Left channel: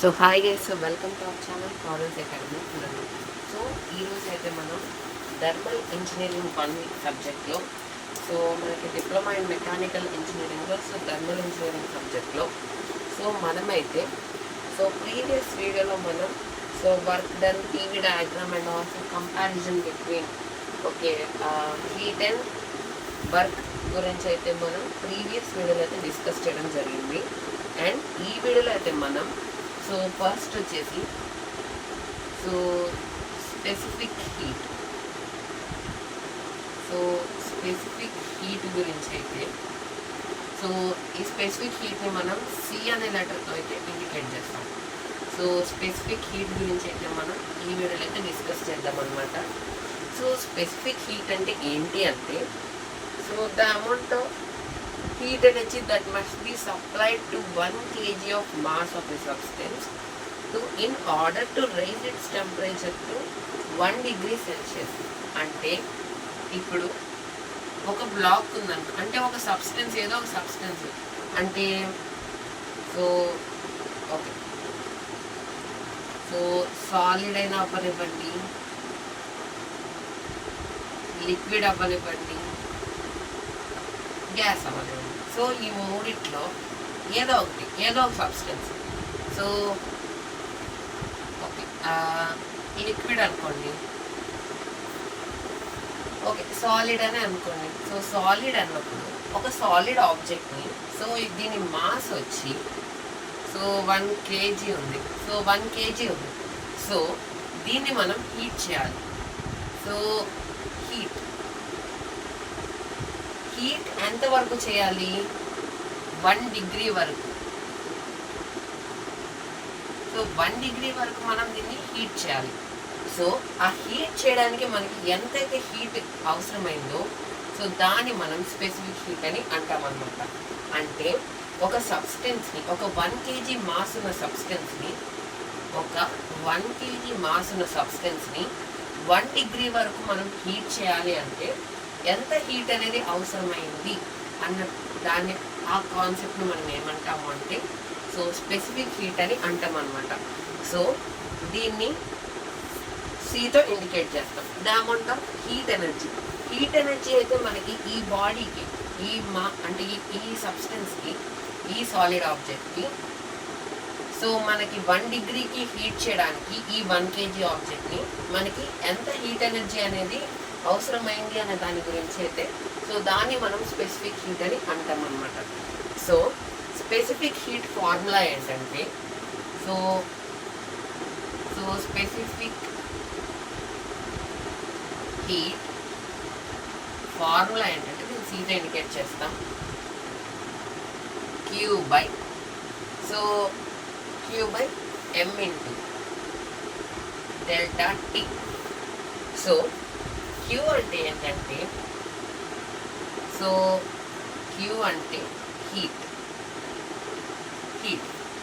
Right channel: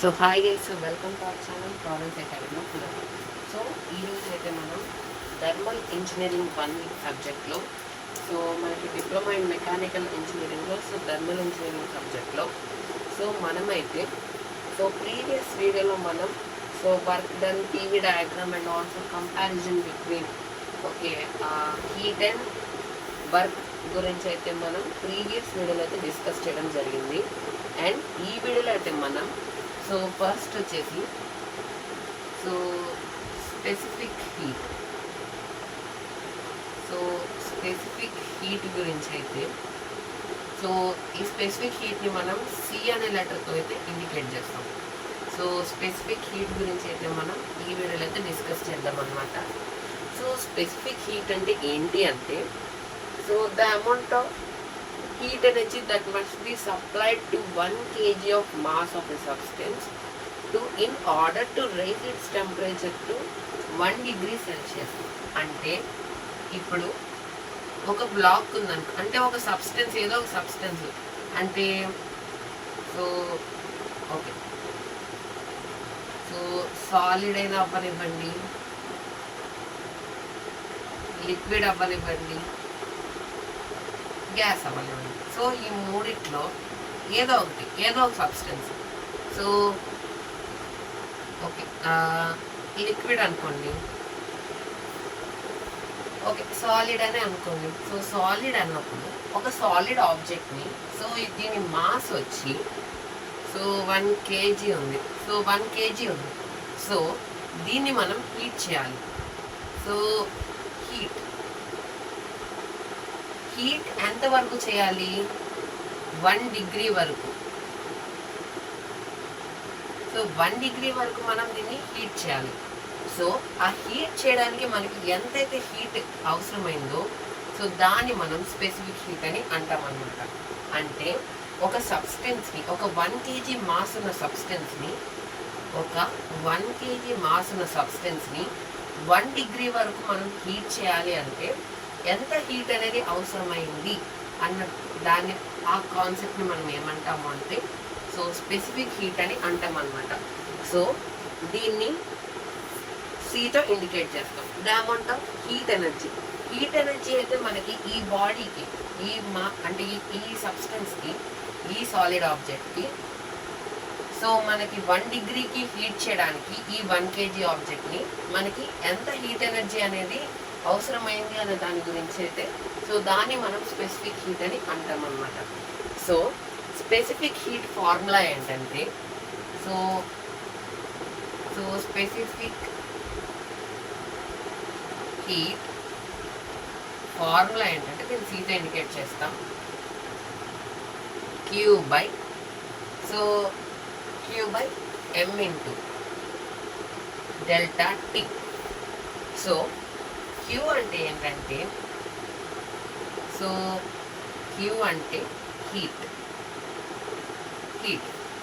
So hi guys, so welcome to our channel Florence Academy. So ఈరోజు అయితే మనం thermal engineering 1 సబ్జెక్ట్లో so మనకి డిప్లొమా ఇన్ మెకానికల్ ఇంజనీరింగ్లో థర్మల్ ఇంజనీరింగ్ సబ్జెక్ట్లో మనమైతే ప్రీవియస్ వీడియోలో మనం work done TV diagram and also comparison between heat and work గురించి అయితే మనం ప్రీవియస్ వీడియోలో అయితే డిస్కస్ చేయడం జరిగింది. అండ్ ఈ వీడియోలో అయితే మనం ఫస్ట్ వచ్చేసి స్పెసిఫిక్ హీట్ స్పెసిఫిక్ హీట్ గురించి అయితే ఈ స్పెసిఫిక్ హీట్ని మనం సి అనే లెటర్తో అయితే ఇండికేట్ చేస్తాం. స్పెసిఫిక్ హీట్ గురించి అయితే మనం ఈ వీడియోలో అయితే డిస్కస్ చేద్దాం అనమాట. స్పెసిఫిక్ హీట్ అంటే ఏంటి అంటే the amount of heat energy that must be supplied to 1 kg of mass of a substance in order to raise its temperature to 1 degree Celsius. అంటే ఇప్పుడు ఒక బ్లాక్ ఉందనుకో, అంటే ఒక సబ్స్టెన్స్, ఏదో ఒక సబ్స్టెన్స్ అంటే ఓకే సాలిడ్ అయినా అవ్వనివ్వండి, లిక్విడ్ అవ్వనివ్వండి, గ్యాస్ అవ్వనివ్వండి. ఈ మూడిట్లో ఏదో ఒక సబ్స్టెన్స్ ఓకే లిక్విడ్ అనుకోండి, ఓకే సాలిడ్ అని అనుకోండి. సాలిడ్ అన్నప్పుడు ఒక సాలిడ్ ఆబ్జెక్ట్ని దీని మాస్ వచ్చి 1 kg ఉంది. 1 kg ఉంది. దీన్ని మనం హీట్ చేయాలి. హీట్ ఎంతవరకు చేయాలి? 1 డిగ్రీ వరకు. 1 డిగ్రీ వరకు మనం దీన్ని హీట్ చేయాలి. ఆ హీట్ చేయడానికి మనకి ఎంతైతే హీట్ అవసరమైందో దాన్ని మనం స్పెసిఫిక్ హీట్ అని అంటామన్నమాట. అంటే ఒక సబ్స్టెన్స్ని, ఒక 1 kg మాస్ ఉన్న సబ్స్టెన్స్ని 1 డిగ్రీ వరకు మనం హీట్ చేయాలి. అంటే ఎంత హీట్ అనేది అవసరమైంది అన్న దాన్ని, ఆ కాన్సెప్ట్ని మనం ఏమంటాము అంటే స్పెసిఫిక్ హీట్ అని అంటాం అన్నమాట. దీన్ని సితో ఇండికేట్ చేస్తాం. The amount of heat energy అయితే మనకి ఈ బాడీకి, అంటే ఈ సబ్స్టెన్స్కి, ఈ సాలిడ్ ఆబ్జెక్ట్కి మనకి 1 డిగ్రీకి హీట్ చేయడానికి ఈ 1 kg ఆబ్జెక్ట్ని మనకి ఎంత హీట్ ఎనర్జీ అనేది అవసరమైంది అనే దాని గురించి అయితే దాన్ని మనం స్పెసిఫిక్ హీట్ అని అంటాం అన్నమాట. స్పెసిఫిక్ హీట్ ఫార్ములా ఏంటంటే స్పెసిఫిక్ హీట్ ఫార్ములా ఏంటంటే నేను సీతో ఇండికేట్ చేస్తాం. Q by m into delta T. Q అంటే ఏంటంటే Q అంటే హీట్.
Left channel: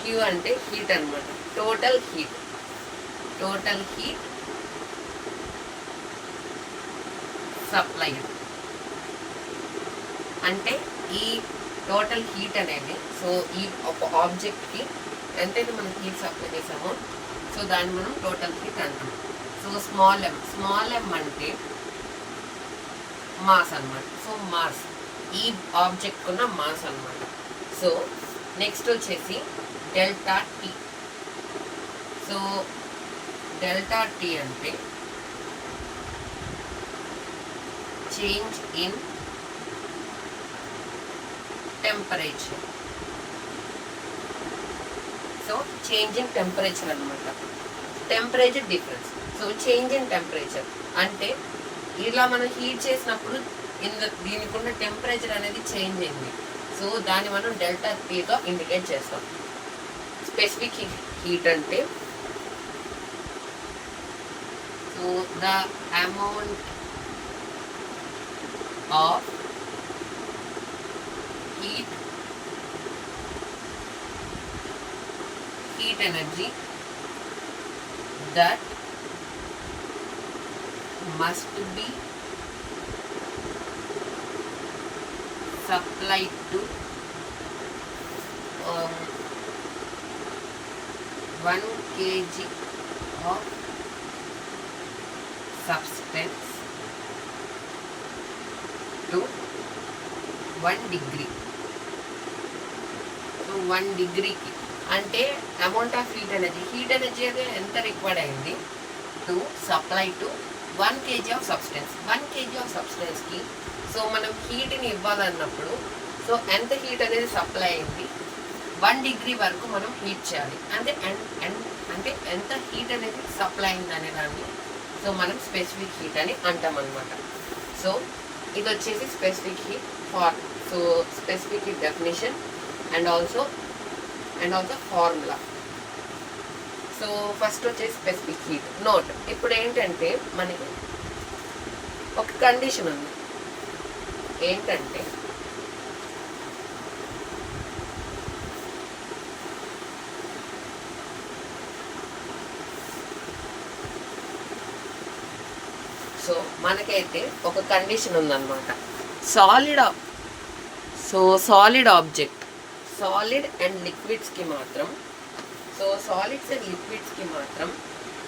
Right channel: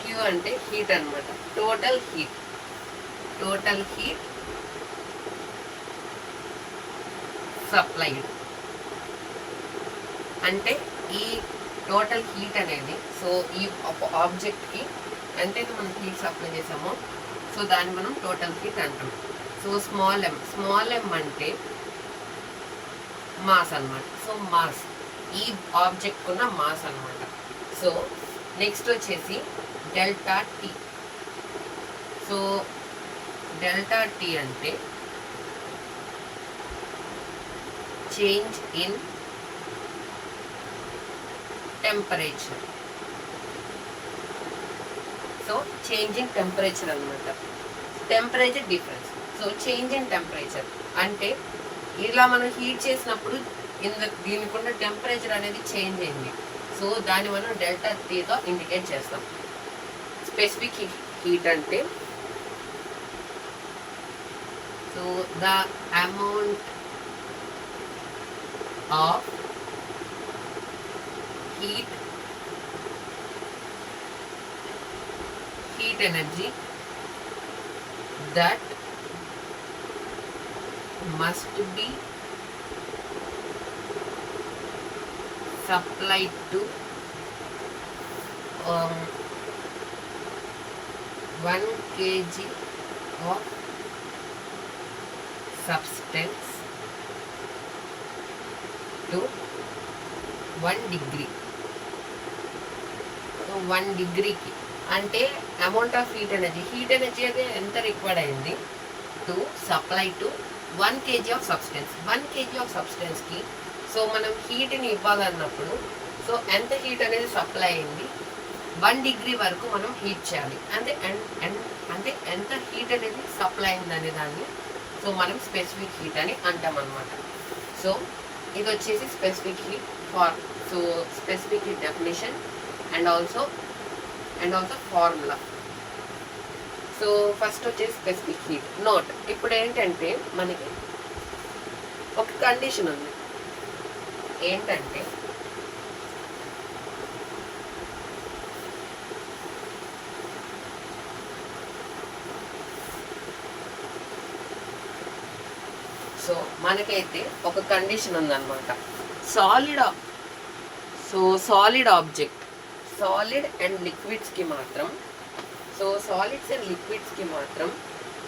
Q అంటే హీట్ అనమాట. Total heat supplied. అంటే ఈ టోటల్ హీట్ అనేది ఈ ఒక ఆబ్జెక్ట్కి ఎంతైతే మనం హీట్ సప్లై చేసామో దాన్ని మనం టోటల్ హీట్ అంటాం. స్మాల్ m అంటే మాస్ అనమాట. మాస్ ఈ ఆబ్జెక్ట్ ఉన్న మాస్ అనమాట. నెక్స్ట్ వచ్చేసి డెల్టా టీ. డెల్టా టీ అంటే change in temperature. Change in temperature అనమాట. Temperature difference. Change in temperature అంటే ఇలా మనం హీట్ చేసినప్పుడు దీనికి ఉన్న టెంపరేచర్ అనేది చేంజ్ అయింది. దాన్ని మనం డెల్టా టీతో ఇండికేట్ చేస్తాం. స్పెసిఫిక్ హీట్ అంటే the amount of heat energy that must be supplied to 1 kg of substance to 1 degree. So 1 డిగ్రీకి అంటే అమౌంట్ ఆఫ్ హీట్ ఎనర్జీ అయితే ఎంత రిక్వైర్డ్ అయింది to supply to 1 kg of substance. 1 kg of సబ్స్టెన్స్కి so మనం హీట్ని ఇవ్వాలన్నప్పుడు సో ఎంత హీట్ అనేది సప్లై అయింది, 1 డిగ్రీ వరకు మనం హీట్ చేయాలి. అంటే ఎంత హీట్ అనేది సప్లై అయింది అనే దాన్ని సో మనం స్పెసిఫిక్ హీట్ అని అంటాం అనమాట. సో ఇది వచ్చేసి specific heat for so specific heat definition and also formula. So first వచ్చేసి స్పెసిఫిక్ హీట్ నోట్. ఇప్పుడు ఏంటంటే మనకి ఒక కండిషన్ ఉంది, ఏంటంటే సో మనకైతే ఒక కండిషన్ ఉందన్నమాట. సాలిడ్ ఆబ్జెక్ట్, సాలిడ్ అండ్ లిక్విడ్స్కి మాత్రం సో సాలిడ్స్ అండ్ లిక్విడ్స్కి మాత్రం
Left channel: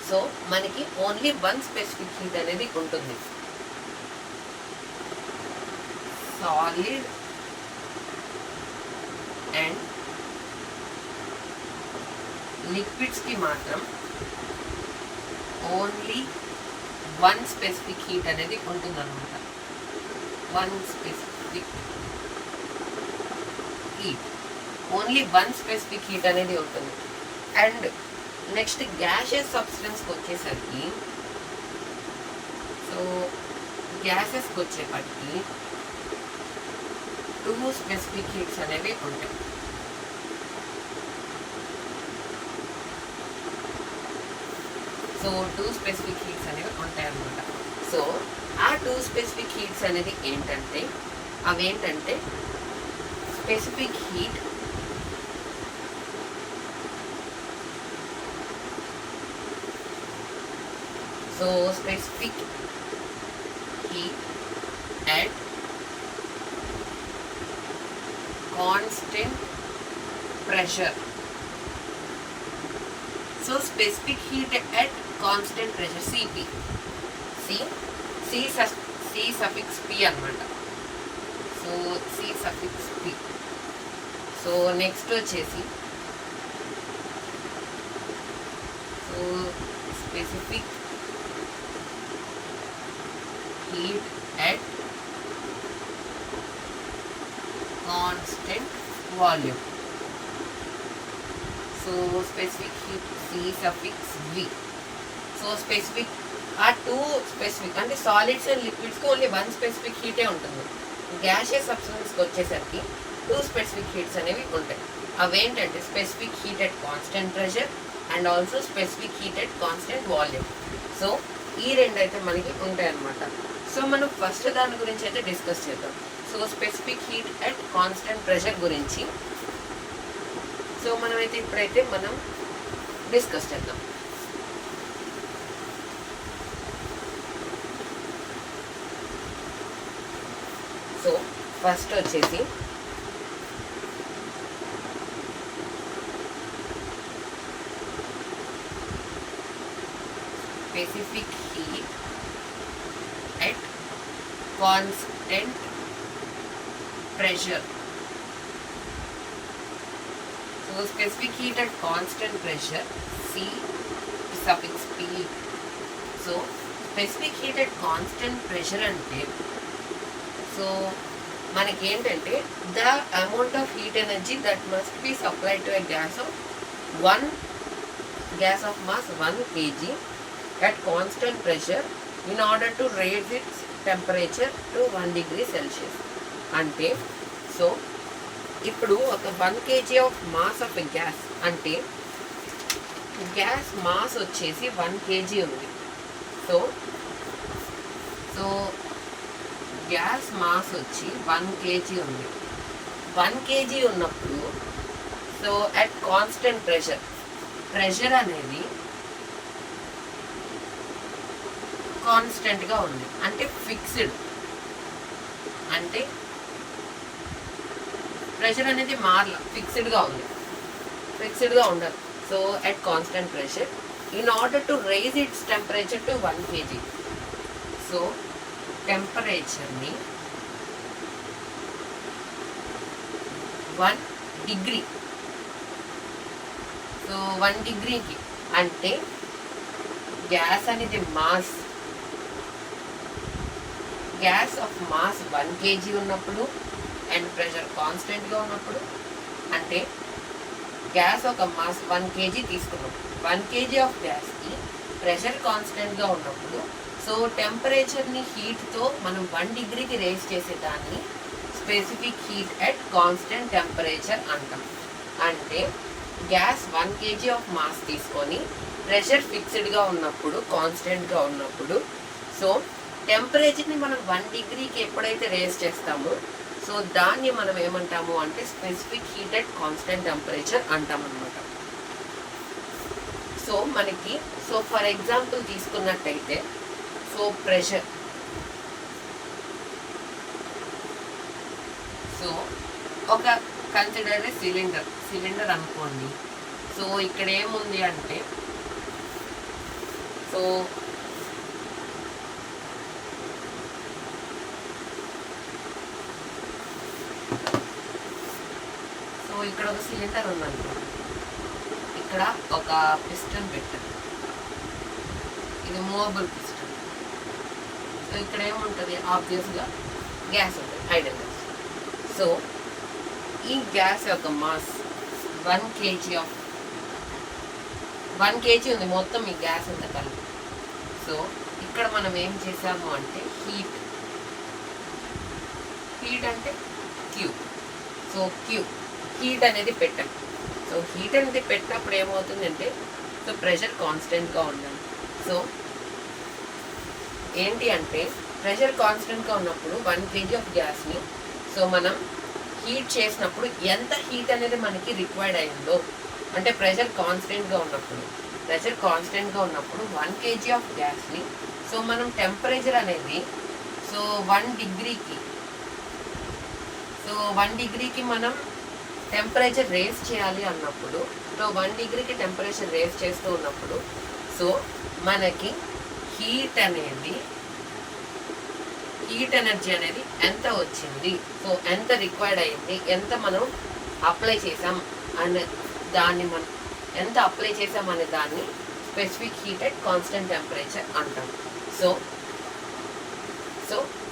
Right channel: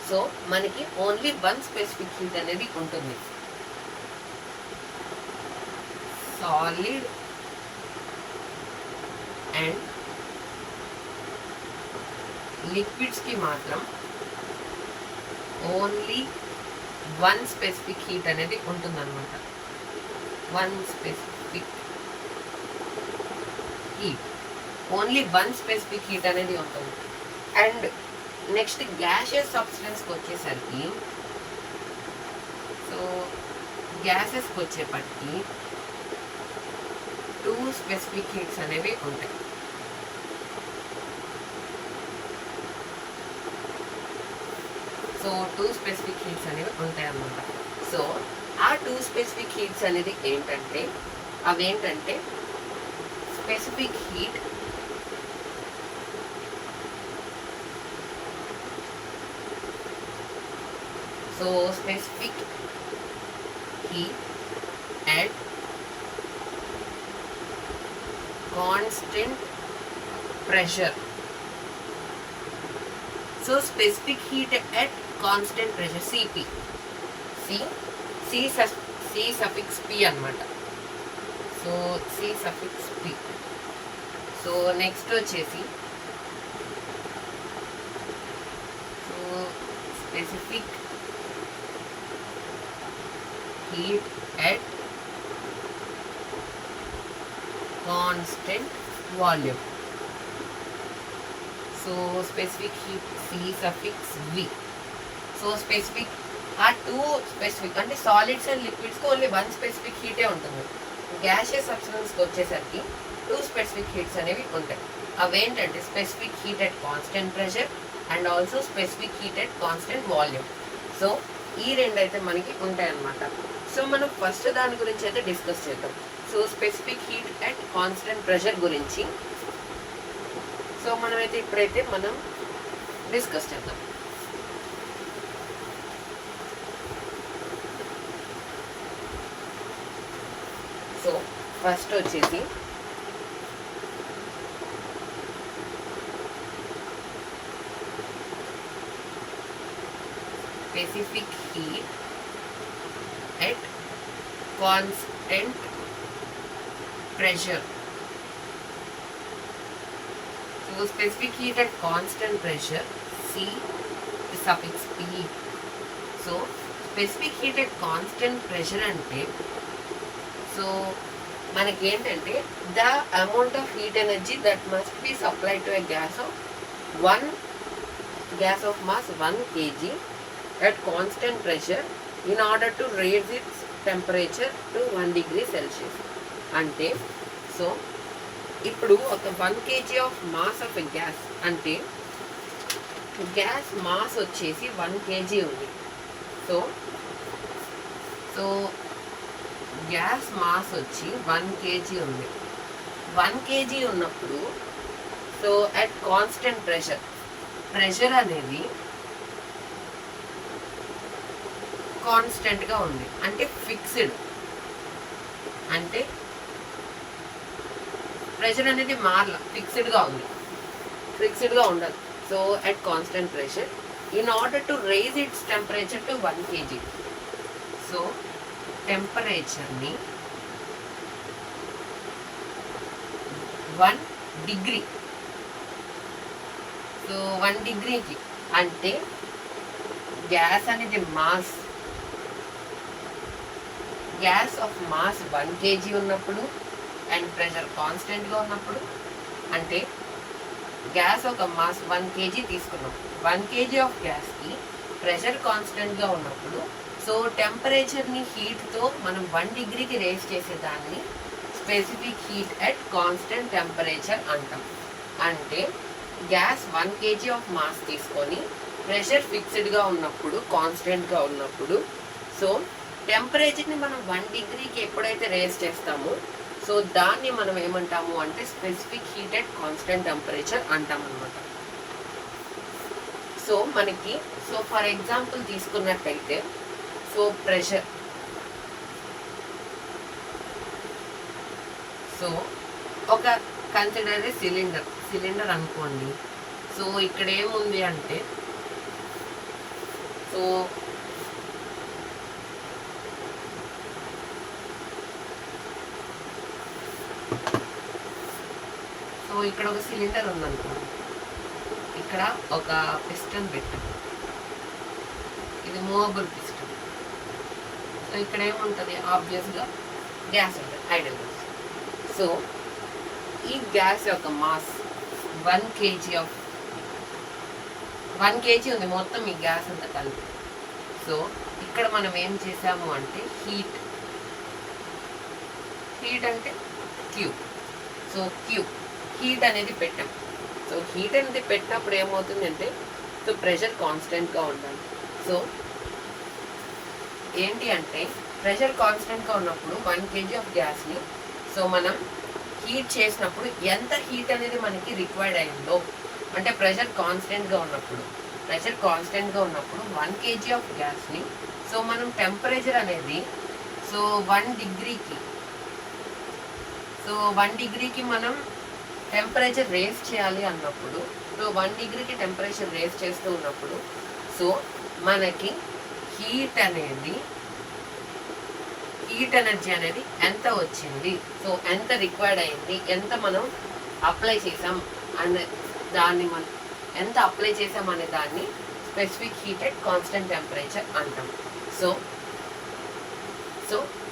సో మనకి ఓన్లీ 1 స్పెసిఫిక్ హీట్ అనేది ఉంటుంది. సాలిడ్ అండ్ లిక్విడ్స్కి మాత్రం ఓన్లీ 1 స్పెసిఫిక్ హీట్ అనేది ఉంటుందన్నమాట. 1 specific heat, only 1 specific heat అనేది ఉంటుంది. అండ్ నెక్స్ట్ గ్యాసెస్ సబ్స్టెన్స్కి వచ్చేసరికి సో గ్యాసెస్కి వచ్చేపటికి 2 స్పెసిఫిక్ హీట్స్ అనేవి ఉంటాయి. సో 2 స్పెసిఫిక్ హీట్స్ అనేవి ఉంటాయి అన్నమాట. సో ఆ 2 స్పెసిఫిక్ హీట్స్ అనేది ఏంటంటే అవేంటంటే specific heat so specific heat at constant pressure. So specific heat at constant pressure, Cp. C suffix P అన్నమాట. So C suffix P. So next వచ్చేసి so specific heat at constant volume. So specific heat C suffix V. So specific are two specific అంటే solids and లిక్విడ్స్కి only 1 specific హీటే ఉంటుంది. Gaseous సబ్స్టెన్స్కి వచ్చేసరికి 2 specific heats అనేవి ఉంటాయి. అవేంటంటే specific heat at constant pressure and also specific heat at constant volume. So ఈ రెండు అయితే మనకి ఉంటాయి అన్నమాట. సో మనం ఫస్ట్ దాని గురించి అయితే డిస్కస్ చేద్దాం. So specific heat at constant pressure గురించి సో మనమైతే ఇప్పుడైతే మనం డిస్కస్ చేద్దాం. సో ఫస్ట్ వచ్చేసి specific heat at constant pressure. So specific heat at constant pressure, C suffix P. So specific heat at constant pressure అంటే so మనకి ఏంటంటే the amount of heat energy that must be supplied to a gas of mass 1 kg at constant pressure in order to raise its temperature to 1 degree Celsius. అంటే so ఇప్పుడు ఒక 1 kg of mass of a gas అంటే gas mass వచ్చేసి 1 kg ఉంది. So gas mass వచ్చి 1 kg ఉంది. 1 kg ఉన్నప్పుడు so at constant pressure అనేది కాన్స్టెంట్గా ఉంది, అంటే ఫిక్స్డ్, అంటే ప్రెషర్ అనేది మారల, ఫిక్స్డ్గా ఉండదు. So at constant pressure in order to raise its temperature to 1 kg. So టెంపరేచర్ని 1 డిగ్రీ, సో 1 డిగ్రీకి అంటే గ్యాస్ అనేది mass, gas of mass 1 kg ఉన్నప్పుడు అండ్ ప్రెషర్ కాన్స్టెంట్గా ఉన్నప్పుడు, అంటే గ్యాస్ ఒక మాస్ 1 kg తీసుకున్నాం, 1 kg ఆఫ్ గ్యాస్కి ప్రెషర్ కాన్స్టెంట్గా ఉన్నప్పుడు, సో టెంపరేచర్ని హీట్తో మనం 1 డిగ్రీకి రేస్ చేసేదాన్ని specific heat at constant temperature అంటాం. అంటే గ్యాస్ 1 kg ఆఫ్ మాస్ తీసుకొని ప్రెషర్ ఫిక్స్డ్గా ఉన్నప్పుడు, కాన్స్టెంట్గా ఉన్నప్పుడు, సో టెంపరేచర్ని మనం 1 డిగ్రీకి ఎప్పుడైతే రేస్ చేస్తామో సో దాన్ని మనం ఏమంటాము అంటే specific heat at constant temperature అంటాం అన్నమాట. సో మనకి సో ఫర్ ఎగ్జాంపుల్ తీసుకున్నట్టయితే సో ప్రెషర్, సో ఒక కన్సిడర్ సిలిండర్ అనుకోండి. సో ఇక్కడ ఏముంది అంటే సో ఇక్కడ ఒక సిలిండర్ ఉందనుకో, ఇక్కడ ఒక పిస్టన్ పెట్టారు, ఇది మూవబుల్ పిస్టన్. సో ఇక్కడ ఏముంటుంది, ఆబ్వియస్గా గ్యాస్ ఉంటుంది, ఐడల్ గ్యాస్. సో ఈ గ్యాస్ యొక్క మాస్ 1 kg ఉంది మొత్తం ఈ గ్యాస్ అంతా కలిపి. సో ఇక్కడ మనం ఏం చేసాము అంటే హీట్ అంటే క్యూ, సో క్యూ హీట్ అనేది పెట్టాం. సో హీట్ అనేది పెట్టినప్పుడు ఏమవుతుందంటే సో ప్రెషర్ కాన్స్టెంట్గా ఉండాలి. సో ఏంటి అంటే ప్రెషర్ కాన్స్టెంట్గా ఉన్నప్పుడు 1 kg ఆఫ్ గ్యాస్ని సో మనం హీట్ చేసినప్పుడు ఎంత హీట్ అనేది మనకి రిక్వైర్డ్ అయిందో, అంటే ప్రెషర్ కాన్స్టెంట్గా ఉన్నప్పుడు 1 kg ఆఫ్ గ్యాస్ని సో మనం టెంపరేచర్ అనేది సో 1 డిగ్రీకి మనం టెంపరేచర్ రేస్ చేయాలి అన్నప్పుడు, సో 1 డిగ్రీకి టెంపరేచర్ రేస్ చేస్తూ ఉన్నప్పుడు సో మనకి హీట్ ఎనర్జీ అనేది ఎంత వచ్చింది, సో ఎంత రిక్వైర్డ్ అయింది, ఎంత మనం అప్లై చేసాం అనే దాన్ని specific heat at constant temperature అంటాం. సో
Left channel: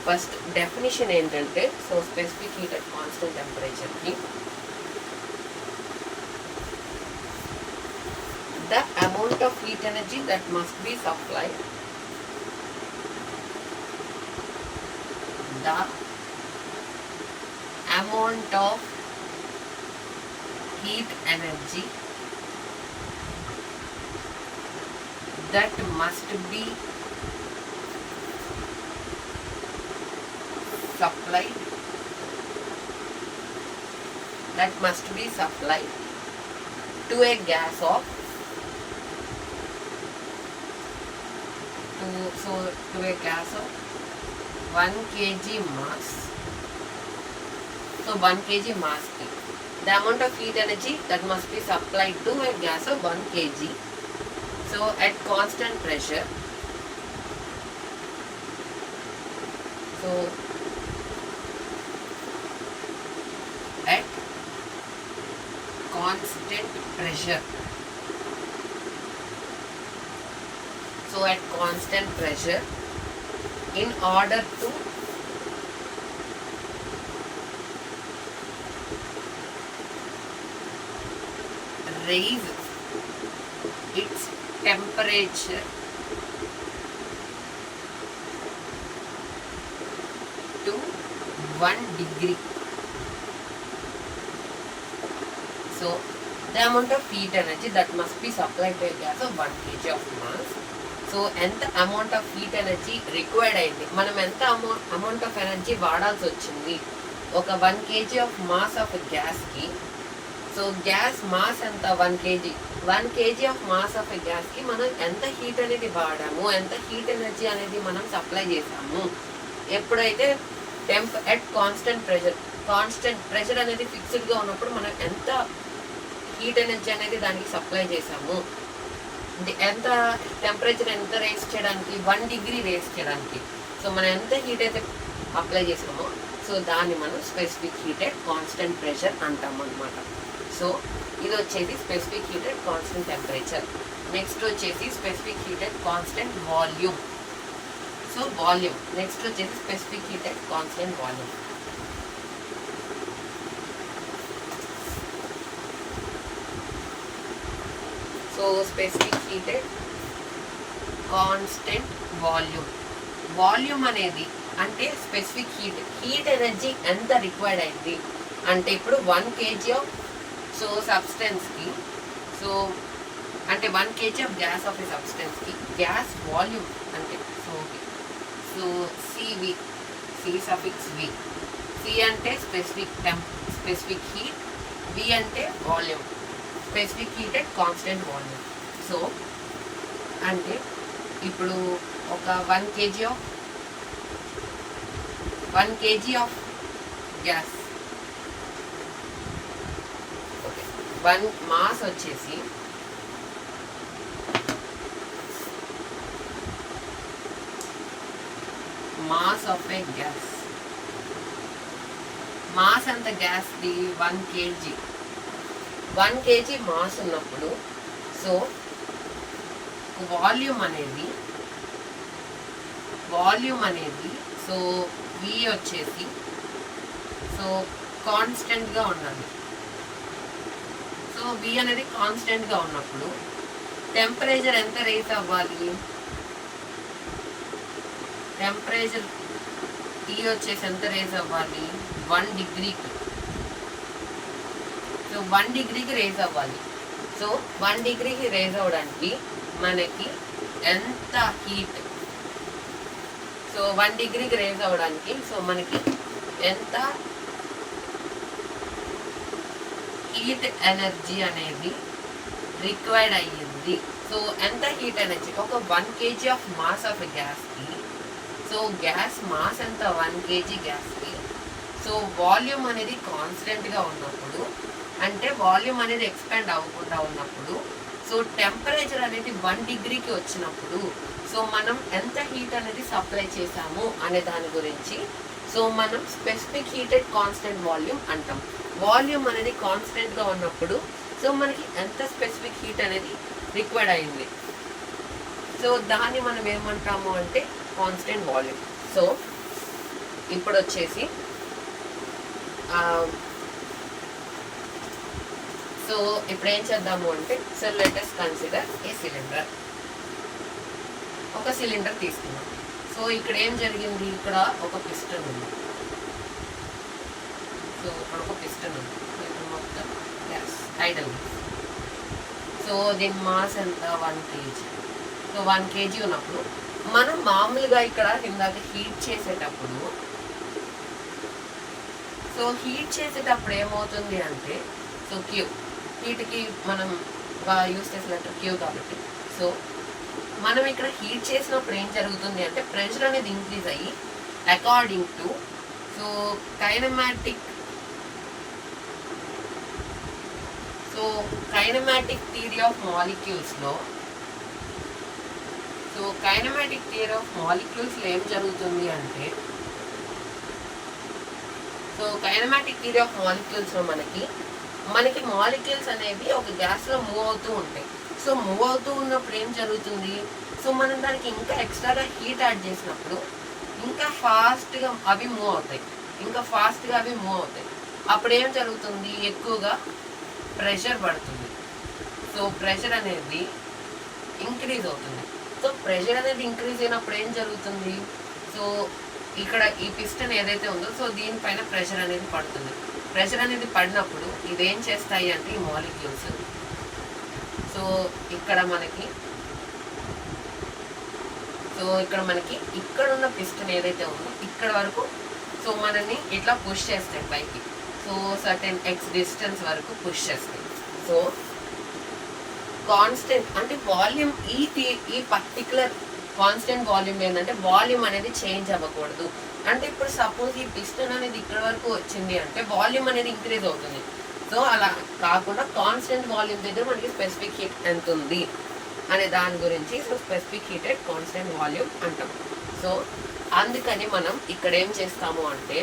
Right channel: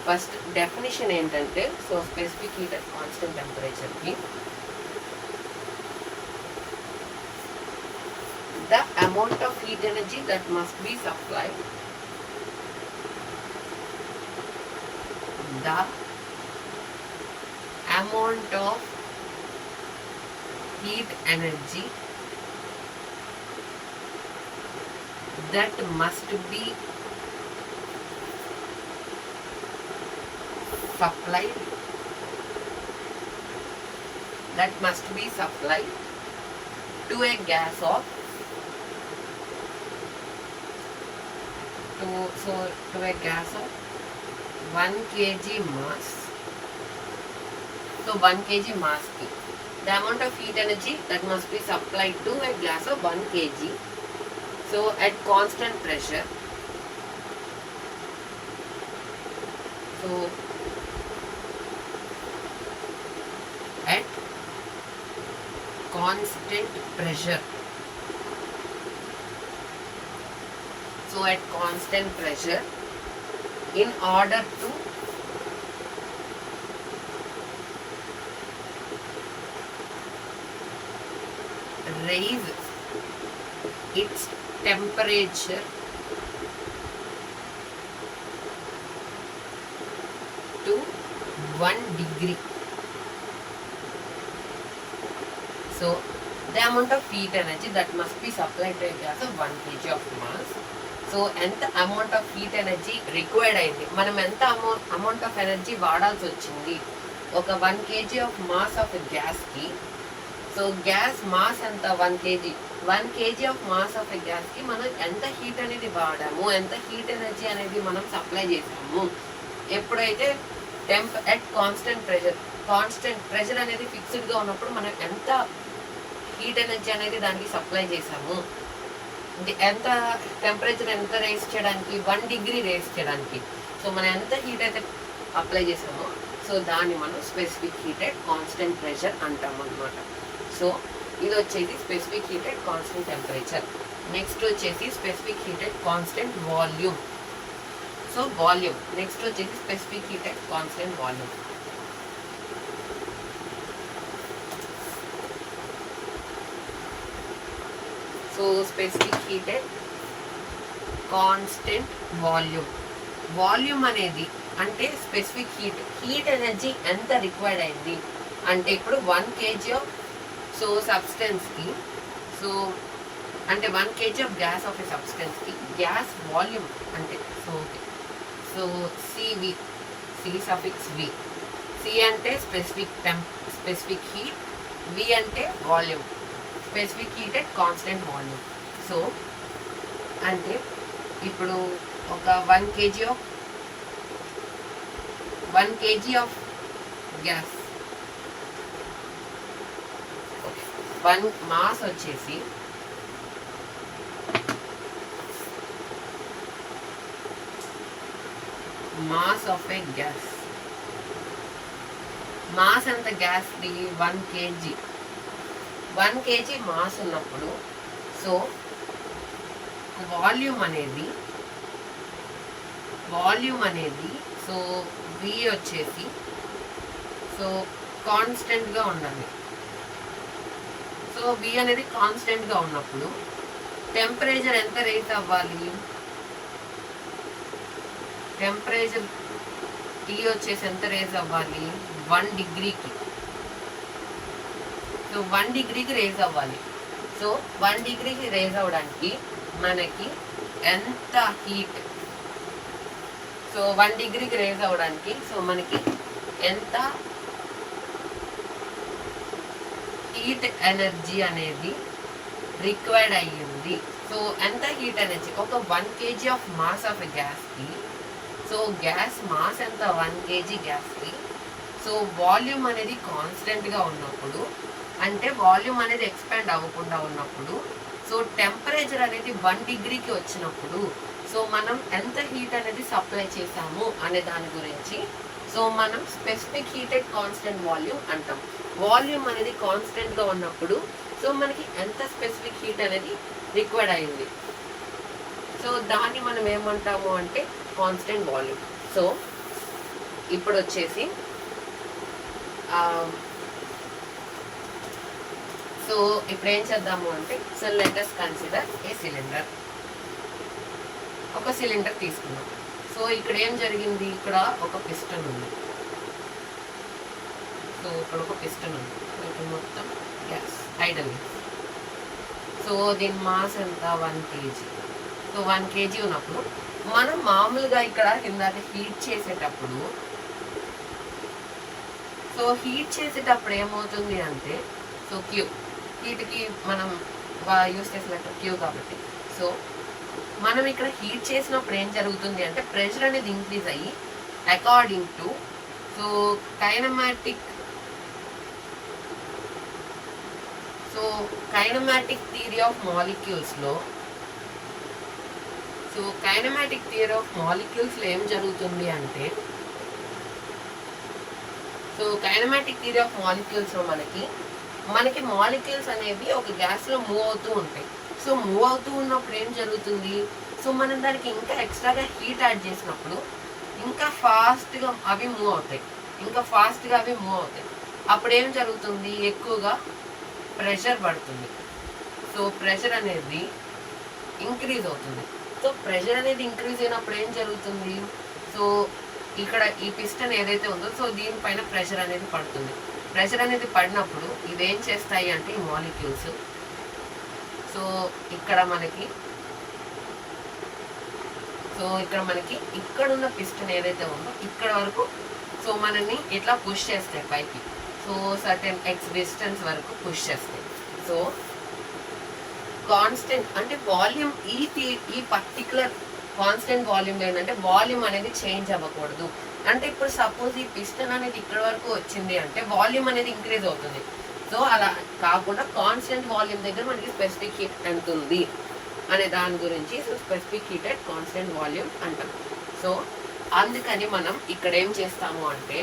ఫస్ట్ డెఫినిషన్ ఏంటంటే so specific heat at constant టెంపరేచర్కి the amount of heat energy that must be supplied, the amount of heat energy that must be supplied to a gas of to a gas of 1 kg mass. So 1 kg mass ki the amount of heat energy that must be supplied to a gas of 1 kg. So at constant pressure, so at constant pressure, so at constant pressure, in order to raise its temperature to 1 degree. So the amount of heat energy that must be supplied to a gas of 1 kg of mass. So ఎంత amount of heat energy required అయింది, మనం ఎంత amount of energy వాడాల్సి వచ్చింది ఒక 1 kg of mass of గ్యాస్కి. So gas mass ఎంత 1 kg of mass of గ్యాస్కి మనం ఎంత హీట్ అనేది వాడాము, ఎంత హీట్ ఎనర్జీ అనేది మనం సప్లై చేసాము. ఎప్పుడైతే కాన్స్టెంట్ ప్రెషర్ అనేది ఫిక్స్డ్గా ఉన్నప్పుడు మనం ఎంత హీట్ ఎనర్జీ అనేది దానికి సప్లై చేసాము, ఎంత టెంపరేచర్ ఎంత రేస్ చేయడానికి, 1 డిగ్రీ రేస్ చేయడానికి. సో మనం ఎంత హీట్ అయితే అప్లై చేసామో సో దాన్ని మనం specific heat at constant pressure అంటాం అనమాట. సో ఇది వచ్చేసి specific heat at constant temperature. Next వచ్చేసి specific heat at constant volume. So volume next వచ్చేసి specific heat at constant volume. So specific heat at constant volume. Volume అనేది అంటే specific heat energy ఎంత required అయింది అంటే ఇప్పుడు 1 kg ఆఫ్ సో సబ్స్టెన్స్కి, so అంటే 1 kg of gas of a సబ్స్టెన్స్కి గ్యాస్ వాల్యూమ్ అంటే సో సివి, సి సఫిక్స్ వి. సి అంటే స్పెసిఫిక్ హీట్, వి అంటే volume, specific heat at constant volume. So అంటే ఇప్పుడు ఒక 1 kg ఆఫ్ గ్యాస్, 1 మాస్ వచ్చేసి mass of A gas, mass అంత గ్యాస్ది 1 kg. 1 kg మాస్ ఉన్నప్పుడు సో వాల్యూమ్ అనేది సో వి వచ్చేసి సో కాన్స్టెంట్గా ఉండాలి. సో వి అనేది కాన్స్టెంట్గా ఉన్నప్పుడు టెంపరేచర్ ఎంత రేస్ అవ్వాలి, టెంపరేచర్ టీ వచ్చేసి ఎంత రేస్ అవ్వాలి 1 డిగ్రీకి. సో 1 డిగ్రీకి రేస్ అవ్వాలి. సో 1 డిగ్రీకి రేస్ అవ్వడానికి మనకి ఎంత హీట్, సో 1 డిగ్రీకి రేస్ అవ్వడానికి సో మనకి ఎంత హీట్ ఎనర్జీ అనేది రిక్వైర్డ్ అయ్యింది. సో ఎంత హీట్ ఎనర్జీ ఒక 1 kg ఆఫ్ మాస్ ఆఫ్ గ్యాస్కి, సో గ్యాస్ మాస్ ఎంత 1 kg గ్యాస్కి. సో వాల్యూమ్ అనేది కాన్స్టెంట్గా ఉన్నప్పుడు అంటే వాల్యూమ్ అనేది ఎక్స్పాండ్ అవ్వకుండా ఉన్నప్పుడు సో టెంపరేచర్ అనేది 1 డిగ్రీకి వచ్చినప్పుడు సో మనం ఎంత హీట్ అనేది సప్లై చేసాము అనే దాని గురించి సో మనం specific heat at constant volume అంటాం. వాల్యూమ్ అనేది కాన్స్టెంట్గా ఉన్నప్పుడు సో మనకి ఎంత స్పెసిఫిక్ హీట్ అనేది రిక్వైర్డ్ అయింది సో దాన్ని మనం ఏమంటాము అంటే కాన్స్టెంట్ వాల్యూమ్. సో ఇప్పుడు వచ్చేసి సో ఇప్పుడు ఏం చేద్దాము అంటే సో లెట్ us కన్సిడర్ ఏ సిలిండర్. ఒక సిలిండర్ తీసుకున్నాం. సో ఇక్కడ ఏం జరిగింది, ఇక్కడ ఒక పిస్టన్ ఉంది. సో ఇక్కడ ఒక పిస్టన్ ఉంది. ఇక్కడ మొత్తం గ్యాస్ ఐడల్. సో దీని మాస్ ఎంత 1 kg. సో 1 kg ఉన్నప్పుడు మనం మామూలుగా ఇక్కడ ఇందాక హీట్ చేసేటప్పుడు సో ఏమవుతుంది అంటే సో క్యూ హీట్కి మనం యూస్ చేసిన క్యూ కాబట్టి సో మనం ఇక్కడ హీట్ చేసినప్పుడు ఏం జరుగుతుంది అంటే ప్రెషర్ అనేది ఇంక్రీజ్ అయ్యి according to so kinematic theory of మాలిక్యూల్స్లో సో కైనమాటిక్ థియరీ ఆఫ్ మాలిక్యూల్స్లో ఏం జరుగుతుంది అంటే సో కైనమాటిక్ థియరీ ఆఫ్ మాలిక్యూల్స్లో మనకి మాలిక్యూల్స్ అనేవి ఒక గ్యాస్లో మూవ్ అవుతూ ఉంటాయి. సో మూవ్ అవుతూ ఉన్నప్పుడు ఏం జరుగుతుంది, సో మనం దానికి ఇంకా ఎక్స్ట్రాగా హీట్ యాడ్ చేసినప్పుడు ఇంకా ఫాస్ట్గా అవి మూవ్ అవుతాయి. అప్పుడు ఏం జరుగుతుంది, ఎక్కువగా ప్రెషర్ పడుతుంది. సో ప్రెషర్ అనేది ఇంక్రీజ్ అవుతుంది. సో ప్రెషర్ అనేది ఇంక్రీజ్ అయినప్పుడు ఏం జరుగుతుంది, సో ఇక్కడ ఈ పిస్టన్ ఏదైతే ఉందో సో దీనిపైన ప్రెషర్ అనేది పడుతుంది. ప్రెషర్ అనేది పడినప్పుడు ఇదేం చేస్తాయి అంటే ఈ మాలిక్యూల్స్ సో ఇక్కడ మనకి ఇక్కడున్న పిస్టన్ ఏదైతే ఉందో ఇక్కడ వరకు సో మనల్ని ఇట్లా పుష్ చేస్తాయి పైకి. సో సర్టెన్ ఎక్స్ డిస్టెన్స్ వరకు పుష్ చేస్తాయి. సో కాన్స్టెంట్ అంటే వాల్యూమ్ ఈ పర్టికులర్ కాన్స్టెంట్ వాల్యూమ్ ఏంటంటే వాల్యూమ్ అనేది చేంజ్ అవ్వకూడదు. అంటే ఇప్పుడు సపోజ్ ఈ పిస్టన్ అనేది ఇక్కడ వరకు వచ్చింది అంటే వాల్యూమ్ అనేది ఇంక్రీజ్ అవుతుంది. సో అలా కాకుండా కాన్స్టెంట్ వాల్యూమ్ దగ్గర మనకి స్పెసిఫిక్ హీట్ ఎంత ఉంది అనే దాని గురించి so specific heat at constant volume అంటాం. సో అందుకని మనం ఇక్కడ ఏం చేస్తాము అంటే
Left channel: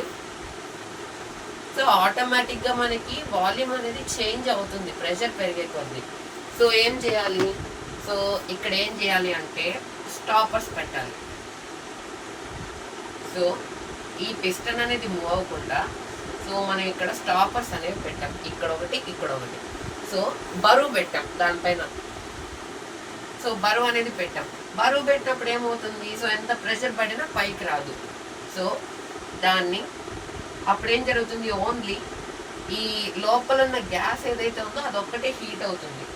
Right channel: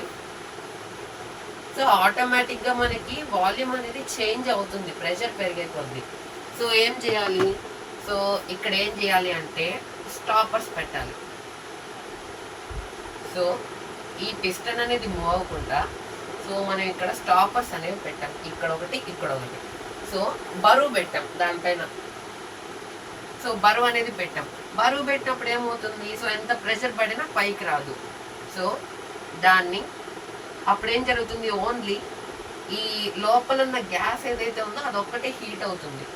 సో ఆటోమేటిక్గా మనకి వాల్యూమ్ అనేది చేంజ్ అవుతుంది ప్రెషర్ పెరిగే కొద్ది. సో ఏం చేయాలి, సో ఇక్కడ ఏం చేయాలి అంటే స్టాపర్స్ పెట్టాలి. సో ఈ పిస్టన్ అనేది మూవ్ అవ్వకుండా సో మనం ఇక్కడ స్టాపర్స్ అనేవి పెట్టాం, ఇక్కడ ఒకటి ఇక్కడ ఒకటి. సో బరువు పెట్టాం దానిపైన, సో బరువు అనేది పెట్టాం. బరువు పెట్టినప్పుడు ఏమవుతుంది, సో ఎంత ప్రెషర్ పడినా పైకి రాదు. సో దాన్ని అప్పుడు ఏం జరుగుతుంది, ఓన్లీ ఈ లోపల ఉన్న గ్యాస్ ఏదైతే ఉందో అదొక్కటే హీట్ అవుతుంది.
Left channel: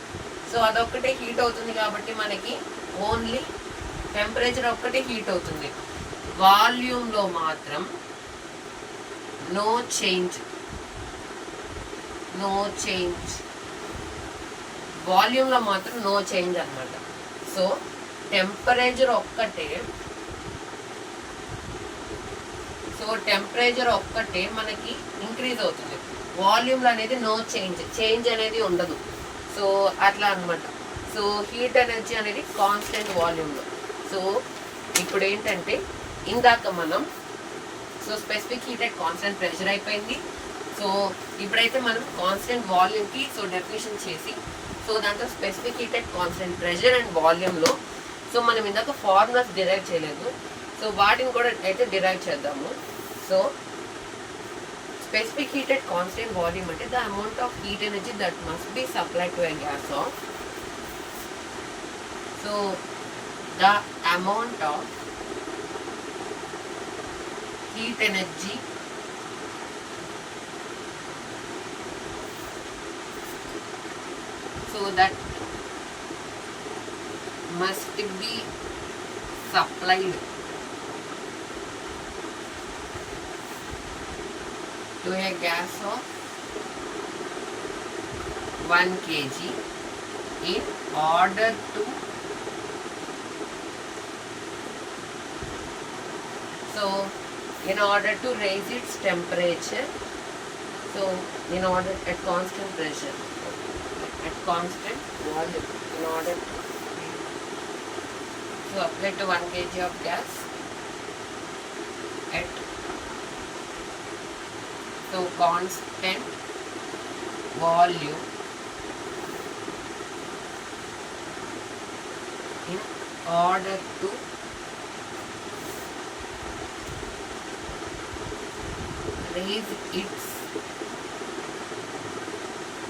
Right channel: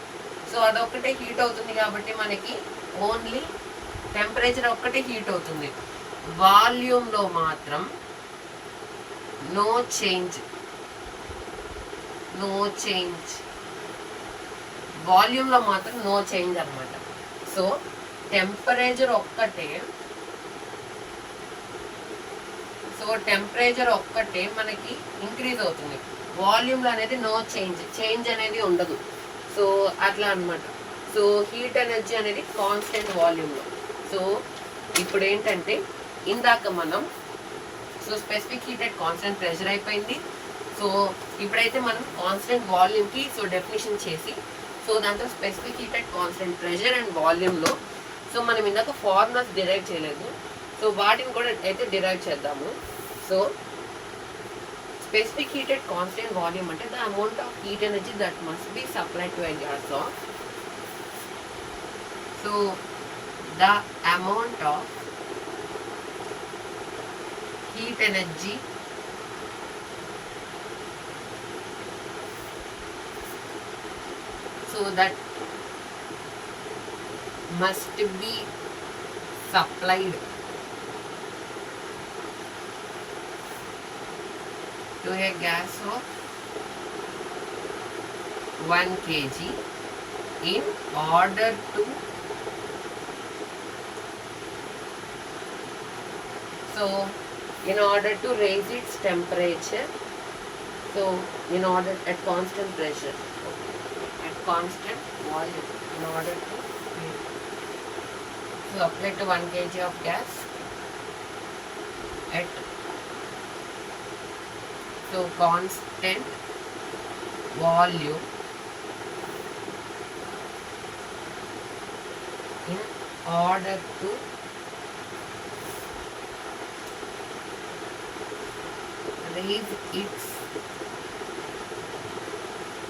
సో అదొక్కటే హీట్ అవుతుంది కాబట్టి మనకి ఓన్లీ టెంపరేచర్ ఒక్కటే హీట్ అవుతుంది. వాల్యూమ్లో మాత్రం నో చేంజ్, నో చేంజ్. వాల్యూమ్లో మాత్రం నో చేంజ్ అనమాట. సో టెంపరేచర్ ఒక్కటే, సో టెంపరేచర్ ఒక్కటే మనకి ఇంక్రీజ్ అవుతుంది. వాల్యూమ్లో అనేది నో చేంజ్, చేంజ్ అనేది ఉండదు. సో అట్లా అనమాట. సో హీట్ ఎనర్జీ అనేది కాన్స్టెంట్ వాల్యూమ్లో. సో ఇప్పుడు ఏంటంటే ఇందాక మనం so specific heat at constant pressure అయిపోయింది. సో ఇప్పుడైతే మనం కాన్స్టెంట్ వాల్యూమ్కి సో డెఫినేషన్ చేసి సో దాంట్లో specific heat at constant pressure and వాల్యూమ్లో సో మనం ఇందాక ఫార్ములాస్ డిరైవ్ చేయలేదు, సో వాటిని కూడా అయితే డిరైవ్ చేద్దాము. So specific heat at constant volume అంటే the amount of heat energy that must be supplied to a gas of, so the amount of heat energy so that must be supplied to a gas of 1 kg in order to in order to raise its temperature, so in order at constant pressure, at constant volume, in order to so apply to 1 kg of gas at so constant volume in order to raise its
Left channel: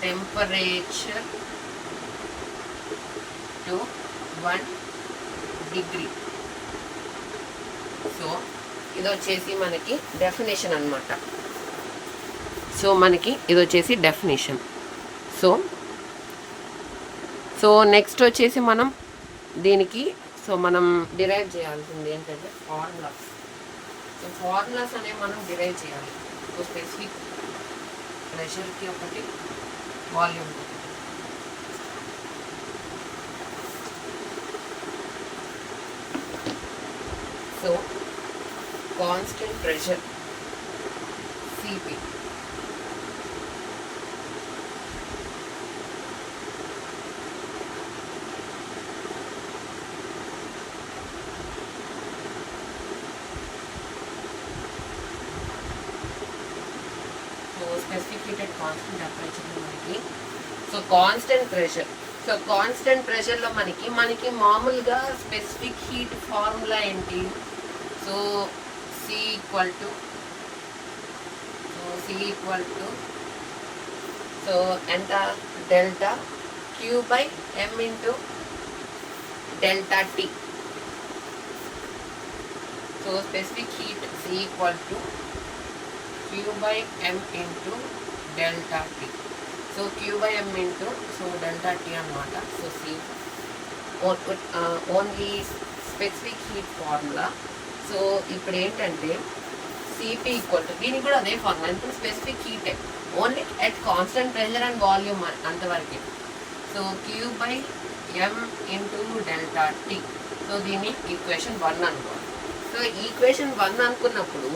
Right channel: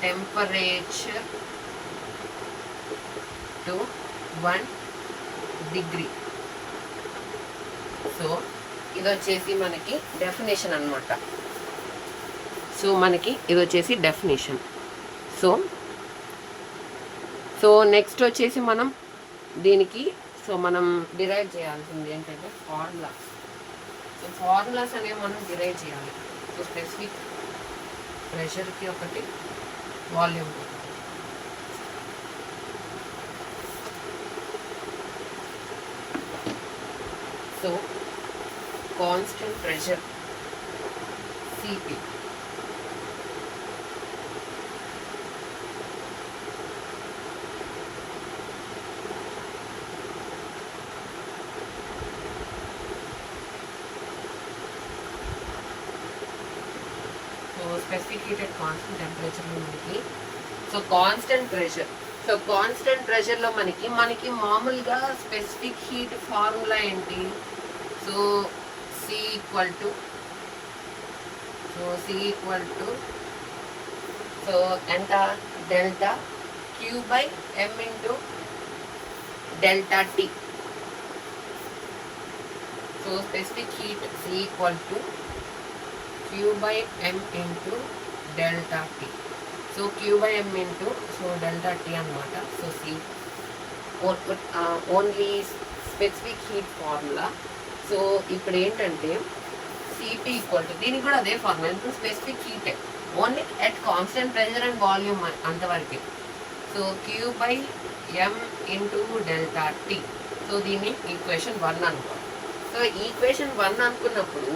temperature to 1 degree. So ఇది వచ్చేసి మనకి definition అనమాట. So మనకి ఇది వచ్చేసి definition. So next వచ్చేసి మనం దీనికి సో మనం డిరైవ్ చేయాల్సింది ఏంటంటే ఫార్ములాస్. సో ఫార్ములాస్ అనేవి మనం డిరైవ్ చేయాలి. సో స్పెసిఫిక్ ప్రెషర్కి ఒకటి, volume. So constant pressure CP specific heat at constant టెంపరేచర్లో మనకి so constant pressure. So constant ప్రెషర్లో మనకి మామూలుగా స్పెసిఫిక్ హీట్ ఫార్ములా ఏంటి, so C equal to so ఎంత delta Q by M into delta T. So specific heat C equal to Q by M into delta T. So Q by M into so delta T అనమాట. So C only specific heat formula. So ఇప్పుడు ఏంటంటే CP equal to దీనికి కూడా అదే formula, ఎందుకు specific heat only at constant pressure and volume అంతవరకే. So Q by M into delta T. So దీన్ని equation 1 అనుకోవాలి. సో ఈక్వేషన్ 1 అనుకున్నప్పుడు